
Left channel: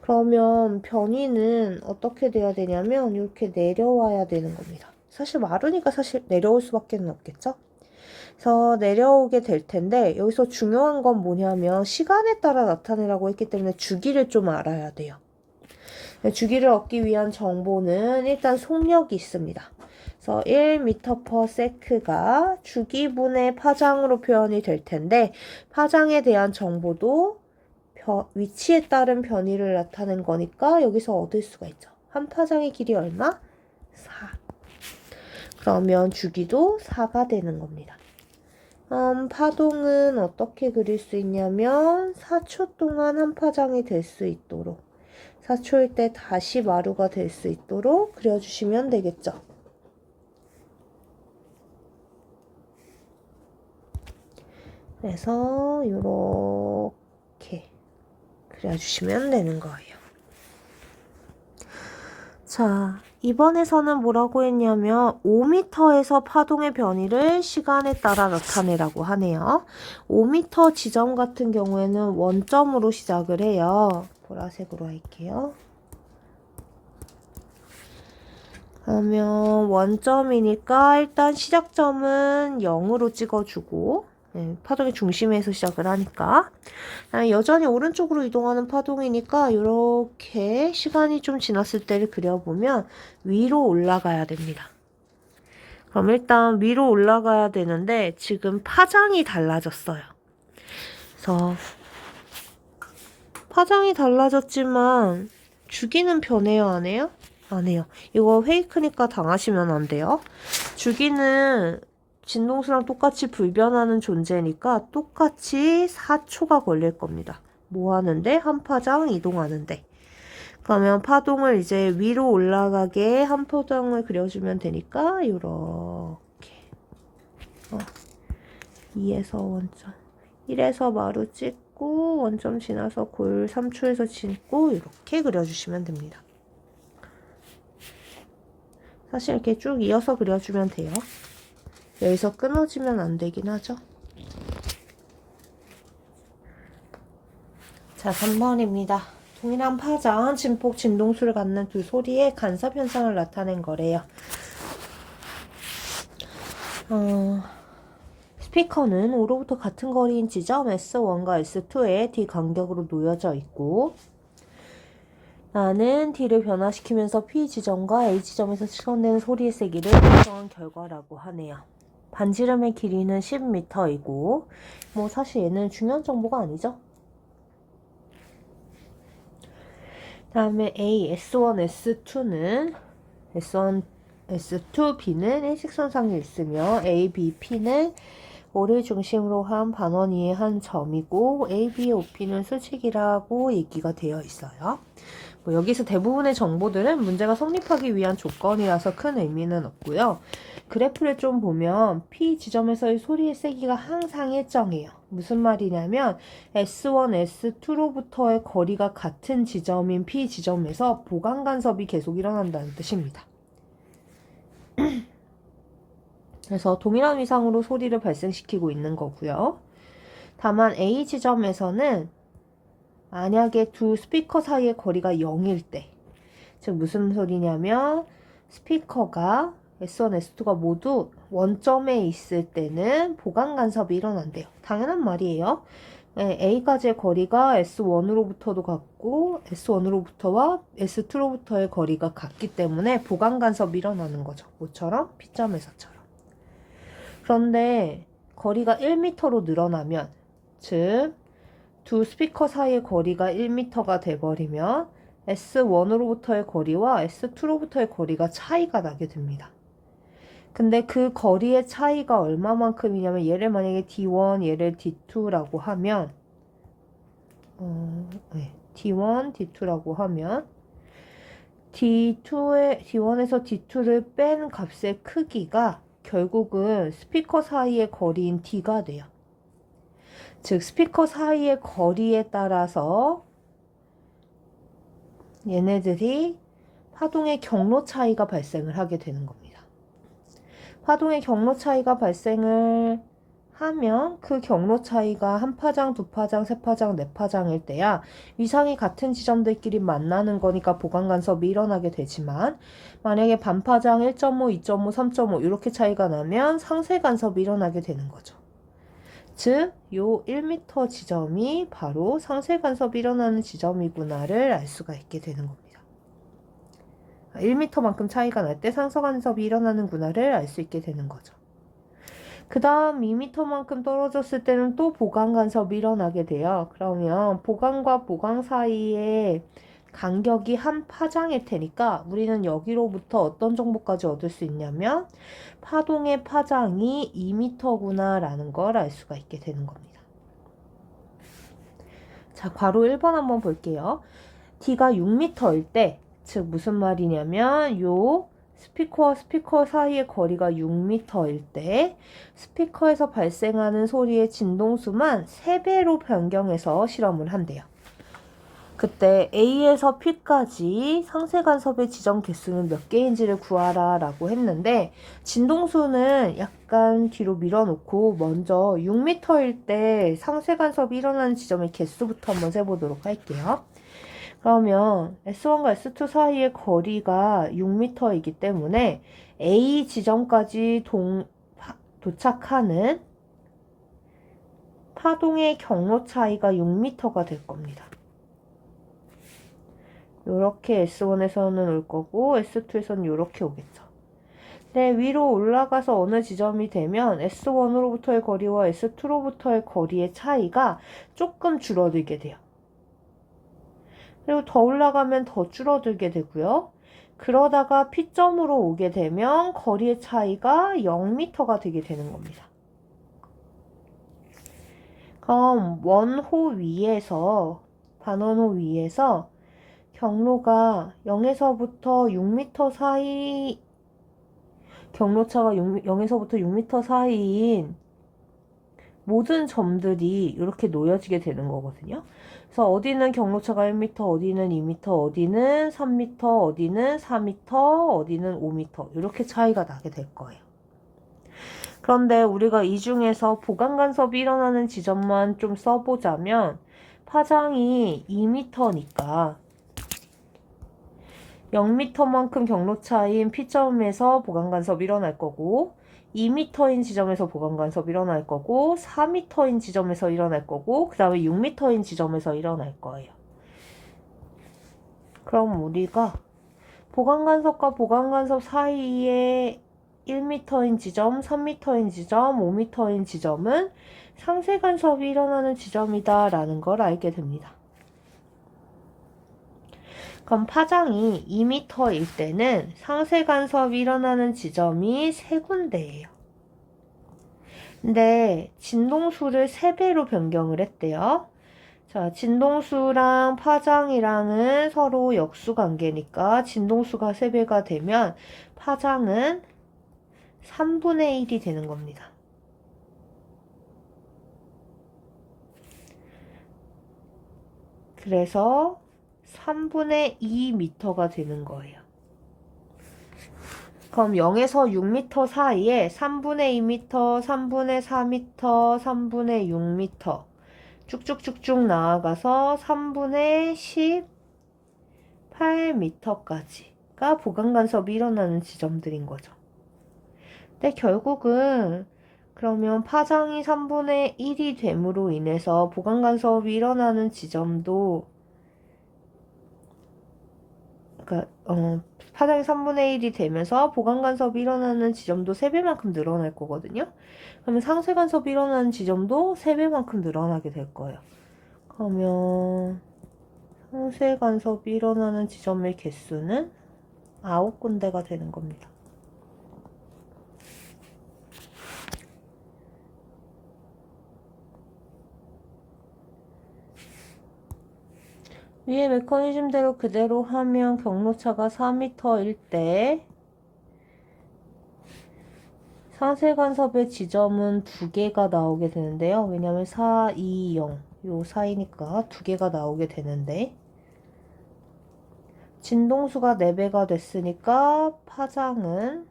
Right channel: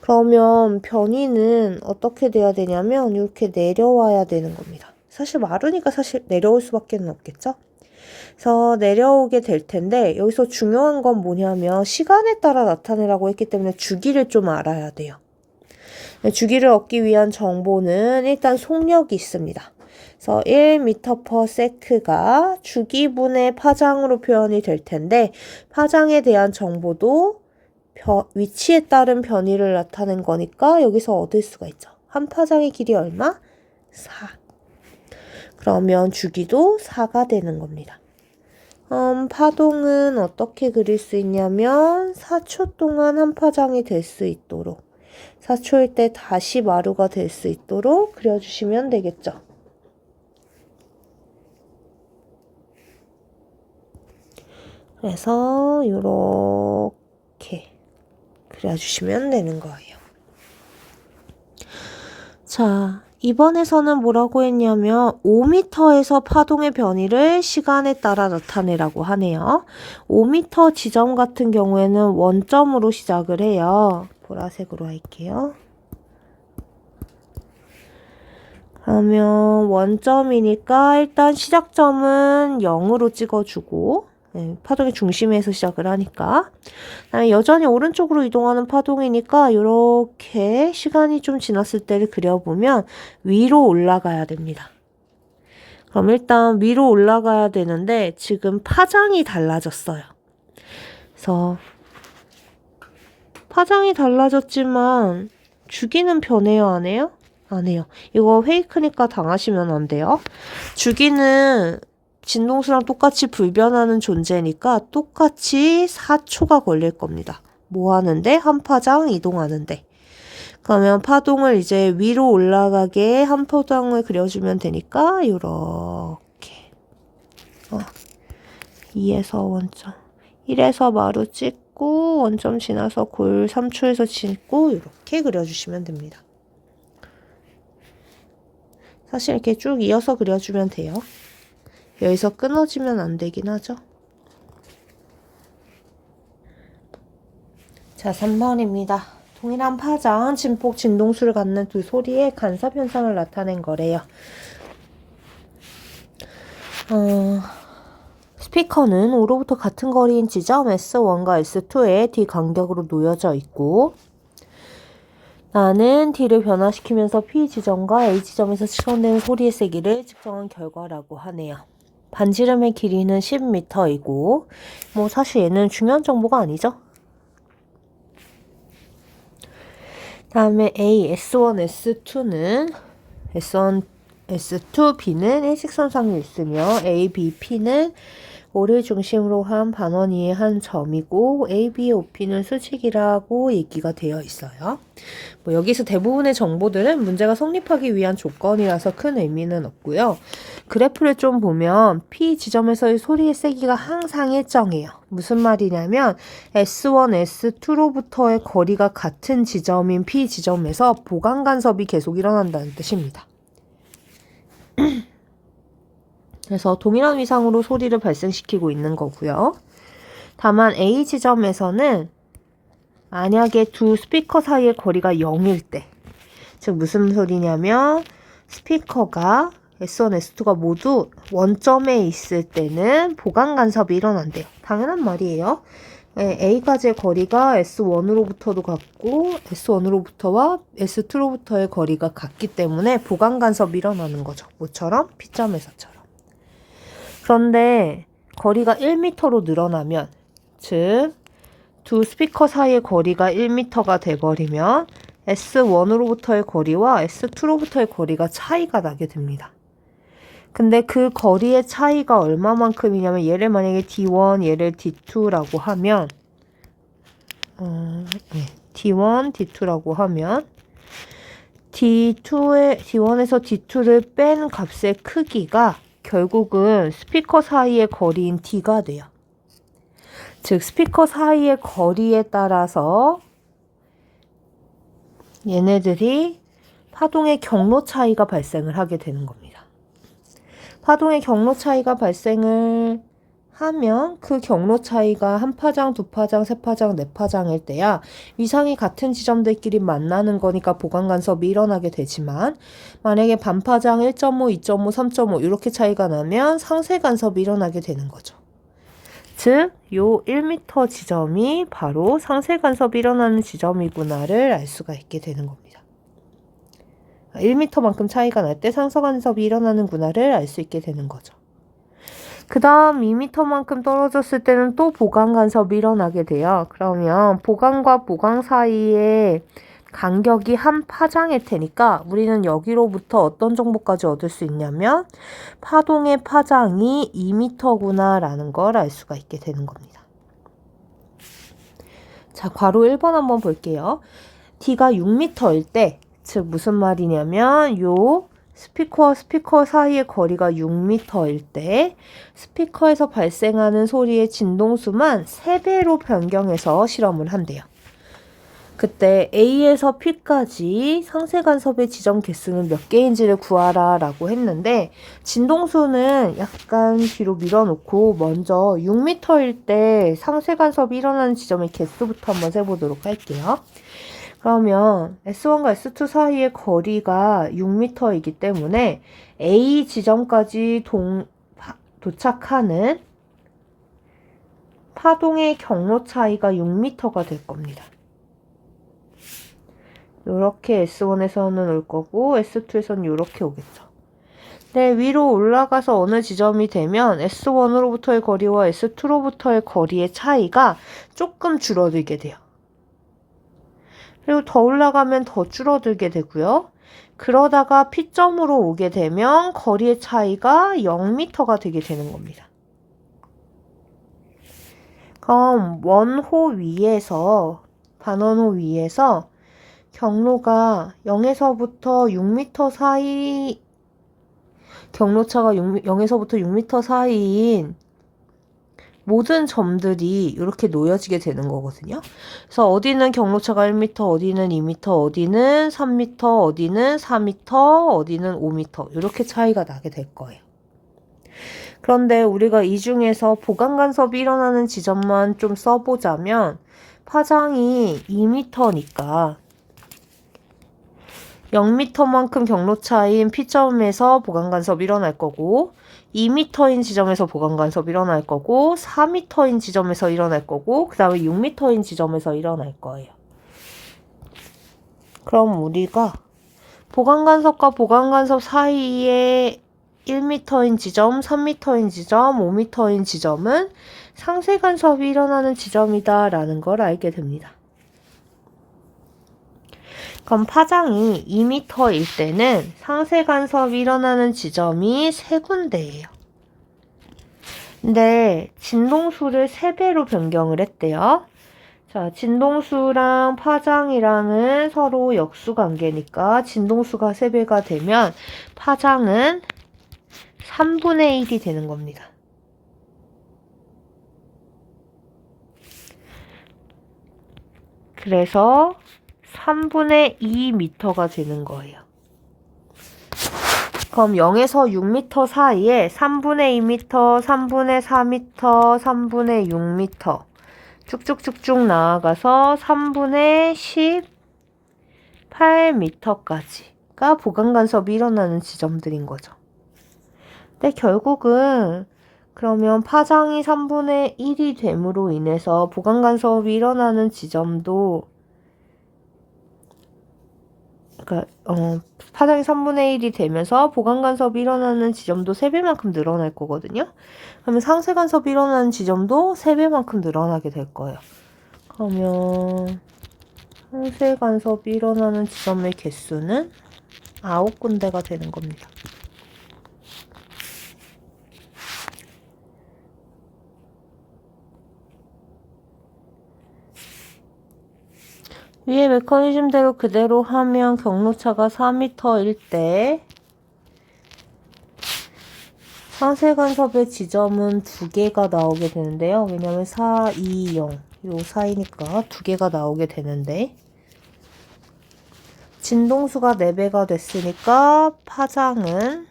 그러면 변이는 어떻게 돼야 되냐면 이렇게 내려와야 되는 겁니다. 사실 마루니까 사실 내려올 수밖에 없겠죠? 그래서 내려오게 될 텐데 여기서 중요한 건 뭐냐면 시간에 따라 나타내라고 했기 때문에 주기를 좀 알아야 돼요. 주기를 얻기 위한 정보는 일단 속력이 있습니다. 그래서 1m/s가 주기분의 파장으로 표현이 될 텐데 파장에 대한 정보도 위치에 따른 변이를 나타낸 거니까 여기서 얻을 수가 있죠. 한 파장의 길이 얼마? 4. 그러면 주기도 4가 되는 겁니다. 파동은 어떻게 그릴 수 있냐면 4초 동안 한 파장이 될 수 있도록 4초일 때 다시 마루가 될 수 있도록 그려주시면 되겠죠. 그래서 이렇게 그려주시면 되는 거예요. 자, 이번에서는 뭐라고 했냐면 5m에서 파동의 변이를 시간에 따라 나타내라고 하네요. 5m 지점 같은 경우에는 원점으로 시작을 해요. 보라색으로 할게요. 그러면 원점이니까 일단 시작점은 0으로 찍어주고 파동의 중심에서 시작을 하니까 여전히 오른쪽으로 이동하는 파동이니까 이렇게 시간이 좀 지났을 때를 그려보면 위로 올라가야 됩니다. 그럼 일단 위로 올라가야 되는데 지금 파장이 달라졌어요. 그래서 파장이 달라졌지만 주기는 변해요, 안 해요? 안 해요. 이거 페이크니까 당하시면 안 돼요. 주기는 진동수랑 똑같이 불변하는 존재니까 똑같이 4초가 걸릴 겁니다. 뭐 하는데? 한 파장 이동하는데. 그러면 파동을 이제 위로 올라가게 한 파장을 그려주면 되니까 요렇게 2에서 원점 1에서 마루 찍고 원점 지나서 골 3초에서 찍고 이렇게 그려주시면 됩니다. 사실 이렇게 쭉 이어서 그려주면 돼요. 여기서 끊어지면 안 되긴 하죠. 자, 3번입니다. 동일한 파장, 진폭, 진동수를 갖는 두 소리의 간섭 현상을 나타낸 거래요. 스피커는 O로부터 같은 거리인 지점 S1과 S2에 D 간격으로 놓여져 있고 나는 D를 변화시키면서 P 지점과 A 지점에서 실현된 소리의 세기를 측정한 결과라고 하네요. 반지름의 길이는 10m이고 뭐 사실 얘는 중요한 정보가 아니죠. 다음에 A, S1, S2는 S1, S2, B는 일직선상에 있으며 A, B, P는 O를 중심으로 한 반원2의 한 점이고 A, B, OP는 수직이라고 얘기가 되어 있어요. 뭐 여기서 대부분의 정보들은 문제가 성립하기 위한 조건이라서 큰 의미는 없고요. 그래프를 좀 보면 P 지점에서의 소리의 세기가 항상 일정해요. 무슨 말이냐면 S1, S2로부터의 거리가 같은 지점인 P 지점에서 보강 간섭이 계속 일어난다는 뜻입니다. 그래서 동일한 위상으로 소리를 발생시키고 있는 거고요. 다만 A 지점에서는 만약에 두 스피커 사이의 거리가 0일 때, 즉 무슨 소리냐면 스피커가 S1, S2가 모두 원점에 있을 때는 보강 간섭이 일어난대요. 당연한 말이에요. 네, A까지의 거리가 S1으로부터도 같고 S1으로부터와 S2로부터의 거리가 같기 때문에 보강 간섭이 일어나는 거죠. 뭐처럼? P점에서처럼. 그런데 거리가 1m로 늘어나면, 즉 두 스피커 사이의 거리가 1m가 돼버리면 S1으로부터의 거리와 S2로부터의 거리가 차이가 나게 됩니다. 근데 그 거리의 차이가 얼마만큼이냐면, 얘를 만약에 D1, 얘를 D2라고 하면 D1, D2라고 하면 D1에서 D2를 뺀 값의 크기가 결국은 스피커 사이의 거리인 D가 돼요. 즉 스피커 사이의 거리에 따라서 얘네들이 파동의 경로 차이가 발생을 하게 되는 겁니다. 파동의 경로 차이가 발생을 하면 그 경로 차이가 한 파장, 두 파장, 세 파장, 네 파장일 때야 위상이 같은 지점들끼리 만나는 거니까 보강 간섭이 일어나게 되지만, 만약에 반파장 1.5, 2.5, 3.5 이렇게 차이가 나면 상쇄 간섭이 일어나게 되는 거죠. 즉, 요 1m 지점이 바로 상쇄 간섭이 일어나는 지점이구나를 알 수가 있게 되는 겁니다. 1m만큼 차이가 날 때 상쇄 간섭이 일어나는구나를 알 수 있게 되는 거죠. 그 다음 2m만큼 떨어졌을 때는 또 보강 간섭이 일어나게 돼요. 그러면 보강과 보강 사이에 간격이 한 파장일 테니까 우리는 여기로부터 어떤 정보까지 얻을 수 있냐면 파동의 파장이 2m구나 라는 걸 알 수가 있게 되는 겁니다. 자, 괄호 1번 한번 볼게요. D가 6m일 때, 즉 무슨 말이냐면 요 스피커와 스피커 사이의 거리가 6m일 때 스피커에서 발생하는 소리의 진동수만 3배로 변경해서 실험을 한대요. 그때 A에서 P까지 상쇄 간섭의 지점 개수는 몇 개인지를 구하라 라고 했는데, 진동수는 약간 뒤로 밀어놓고 먼저 6m일 때 상쇄 간섭이 일어나는 지점의 개수부터 한번 세보도록 할게요. 그러면 S1과 S2 사이의 거리가 6m이기 때문에 A 지점까지 도착하는 파동의 경로 차이가 6m가 될 겁니다. 요렇게 S1에서는 올 거고 S2에서는 요렇게 오겠죠. 네, 위로 올라가서 어느 지점이 되면 S1으로부터의 거리와 S2로부터의 거리의 차이가 조금 줄어들게 돼요. 그리고 더 올라가면 더 줄어들게 되고요. 그러다가 P점으로 오게 되면 거리의 차이가 0m가 되게 되는 겁니다. 그럼 원호 위에서, 반원호 위에서 경로가 0에서부터 6m 사이, 경로차가 0에서부터 6m 사이인 모든 점들이 이렇게 놓여지게 되는 거거든요. 그래서 어디는 경로차가 1m, 어디는 2m, 어디는 3m, 어디는 4m, 어디는 5m 이렇게 차이가 나게 될 거예요. 그런데 우리가 이 중에서 보강 간섭이 일어나는 지점만 좀 써보자면 파장이 2m니까 0m만큼 경로 차이인 P점에서 보강 간섭이 일어날 거고, 2m인 지점에서 보강 간섭이 일어날 거고, 4m인 지점에서 일어날 거고, 그 다음에 6m인 지점에서 일어날 거예요. 그럼 우리가 보강 간섭과 보강 간섭 사이에 1m인 지점, 3m인 지점, 5m인 지점은 상쇄 간섭이 일어나는 지점이다 라는 걸 알게 됩니다. 그럼 파장이 2m일 때는 상쇄 간섭이 일어나는 지점이 3군데예요. 근데 진동수를 3배로 변경을 했대요. 자, 진동수랑 파장이랑은 서로 역수관계니까 진동수가 3배가 되면 파장은 3분의 1이 되는 겁니다. 그래서 3분의 2m가 되는 거예요. 그럼 0에서 6m 사이에 3분의 2m, 3분의 4m, 3분의 6m 쭉쭉쭉쭉 나아가서 3분의 18m까지가 보강 간섭이 일어나는 지점들인 거죠. 근데 결국은 그러면 파장이 3분의 1이 됨으로 인해서 보강 간섭이 일어나는 지점도 파장이 3분의 1이 되면서 보강 간섭이 일어나는 지점도 3배만큼 늘어날 거거든요. 그러면 상쇄 간섭이 일어나는 지점도 3배만큼 늘어나게 될 거예요. 그러면 상쇄 간섭이 일어나는 지점의 개수는 9군데가 되는 겁니다. 위의 메커니즘대로 그대로 하면 경로차가 4m일 때 상쇄 간섭의 지점은 2개가 나오게 되는데요. 왜냐면 4, 2, 0 요 사이니까 2개가 나오게 되는데 진동수가 4배가 됐으니까 파장은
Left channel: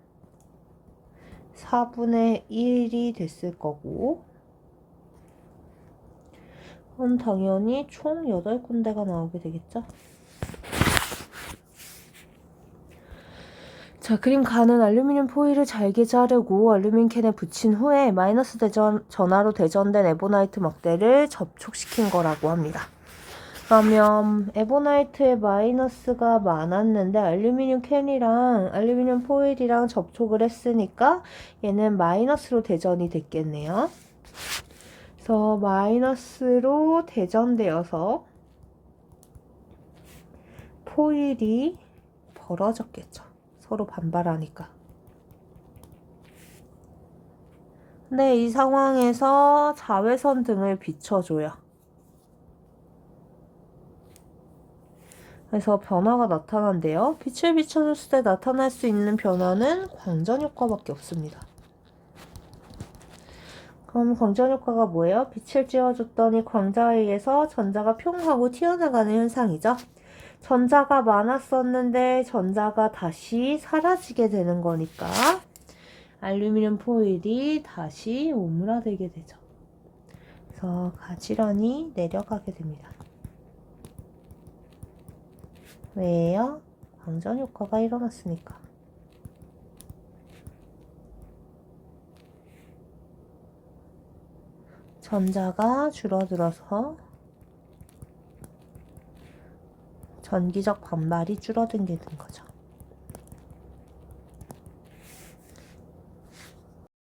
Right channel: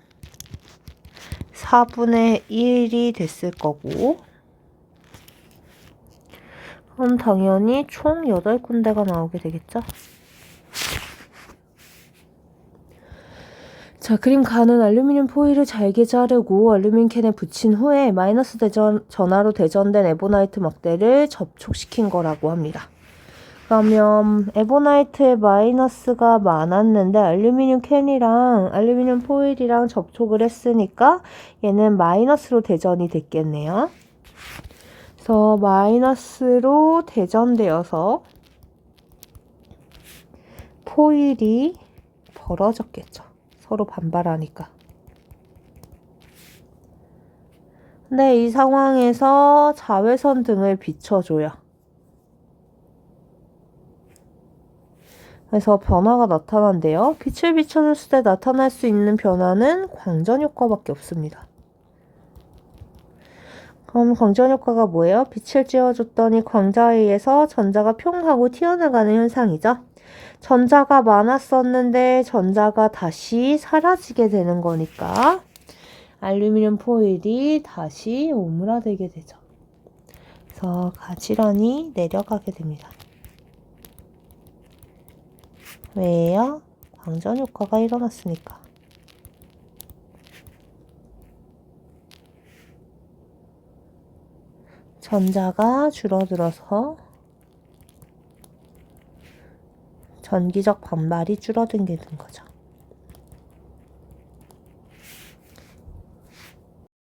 4분의 1이 됐을 거고, 그럼 당연히 총 8군데가 나오게 되겠죠. 자, 그림 가는 알루미늄 포일을 잘게 자르고 알루미늄 캔에 붙인 후에 마이너스 전하로 대전된 에보나이트 막대를 접촉시킨 거라고 합니다. 그러면 에보나이트에 마이너스가 많았는데 알루미늄 캔이랑 알루미늄 포일이랑 접촉을 했으니까 얘는 마이너스로 대전이 됐겠네요. 그래서 마이너스로 대전되어서 포일이 벌어졌겠죠. 서로 반발하니까. 근데 이 상황에서 자외선 등을 비춰줘요. 그래서 변화가 나타난대요. 빛을 비춰줬을 때 나타날 수 있는 변화는 광전 효과밖에 없습니다. 그럼 광전 효과가 뭐예요? 빛을 쬐어줬더니 광자에 의해서 전자가 평 하고 튀어나가는 현상이죠. 전자가 많았었는데 전자가 다시 사라지게 되는 거니까 알루미늄 포일이 다시 오므라들게 되죠. 그래서 가지런히 내려가게 됩니다. 왜요? 광전 효과가 일어났으니까. 전자가 줄어들어서 전기적 반발이 줄어들게 된 거죠.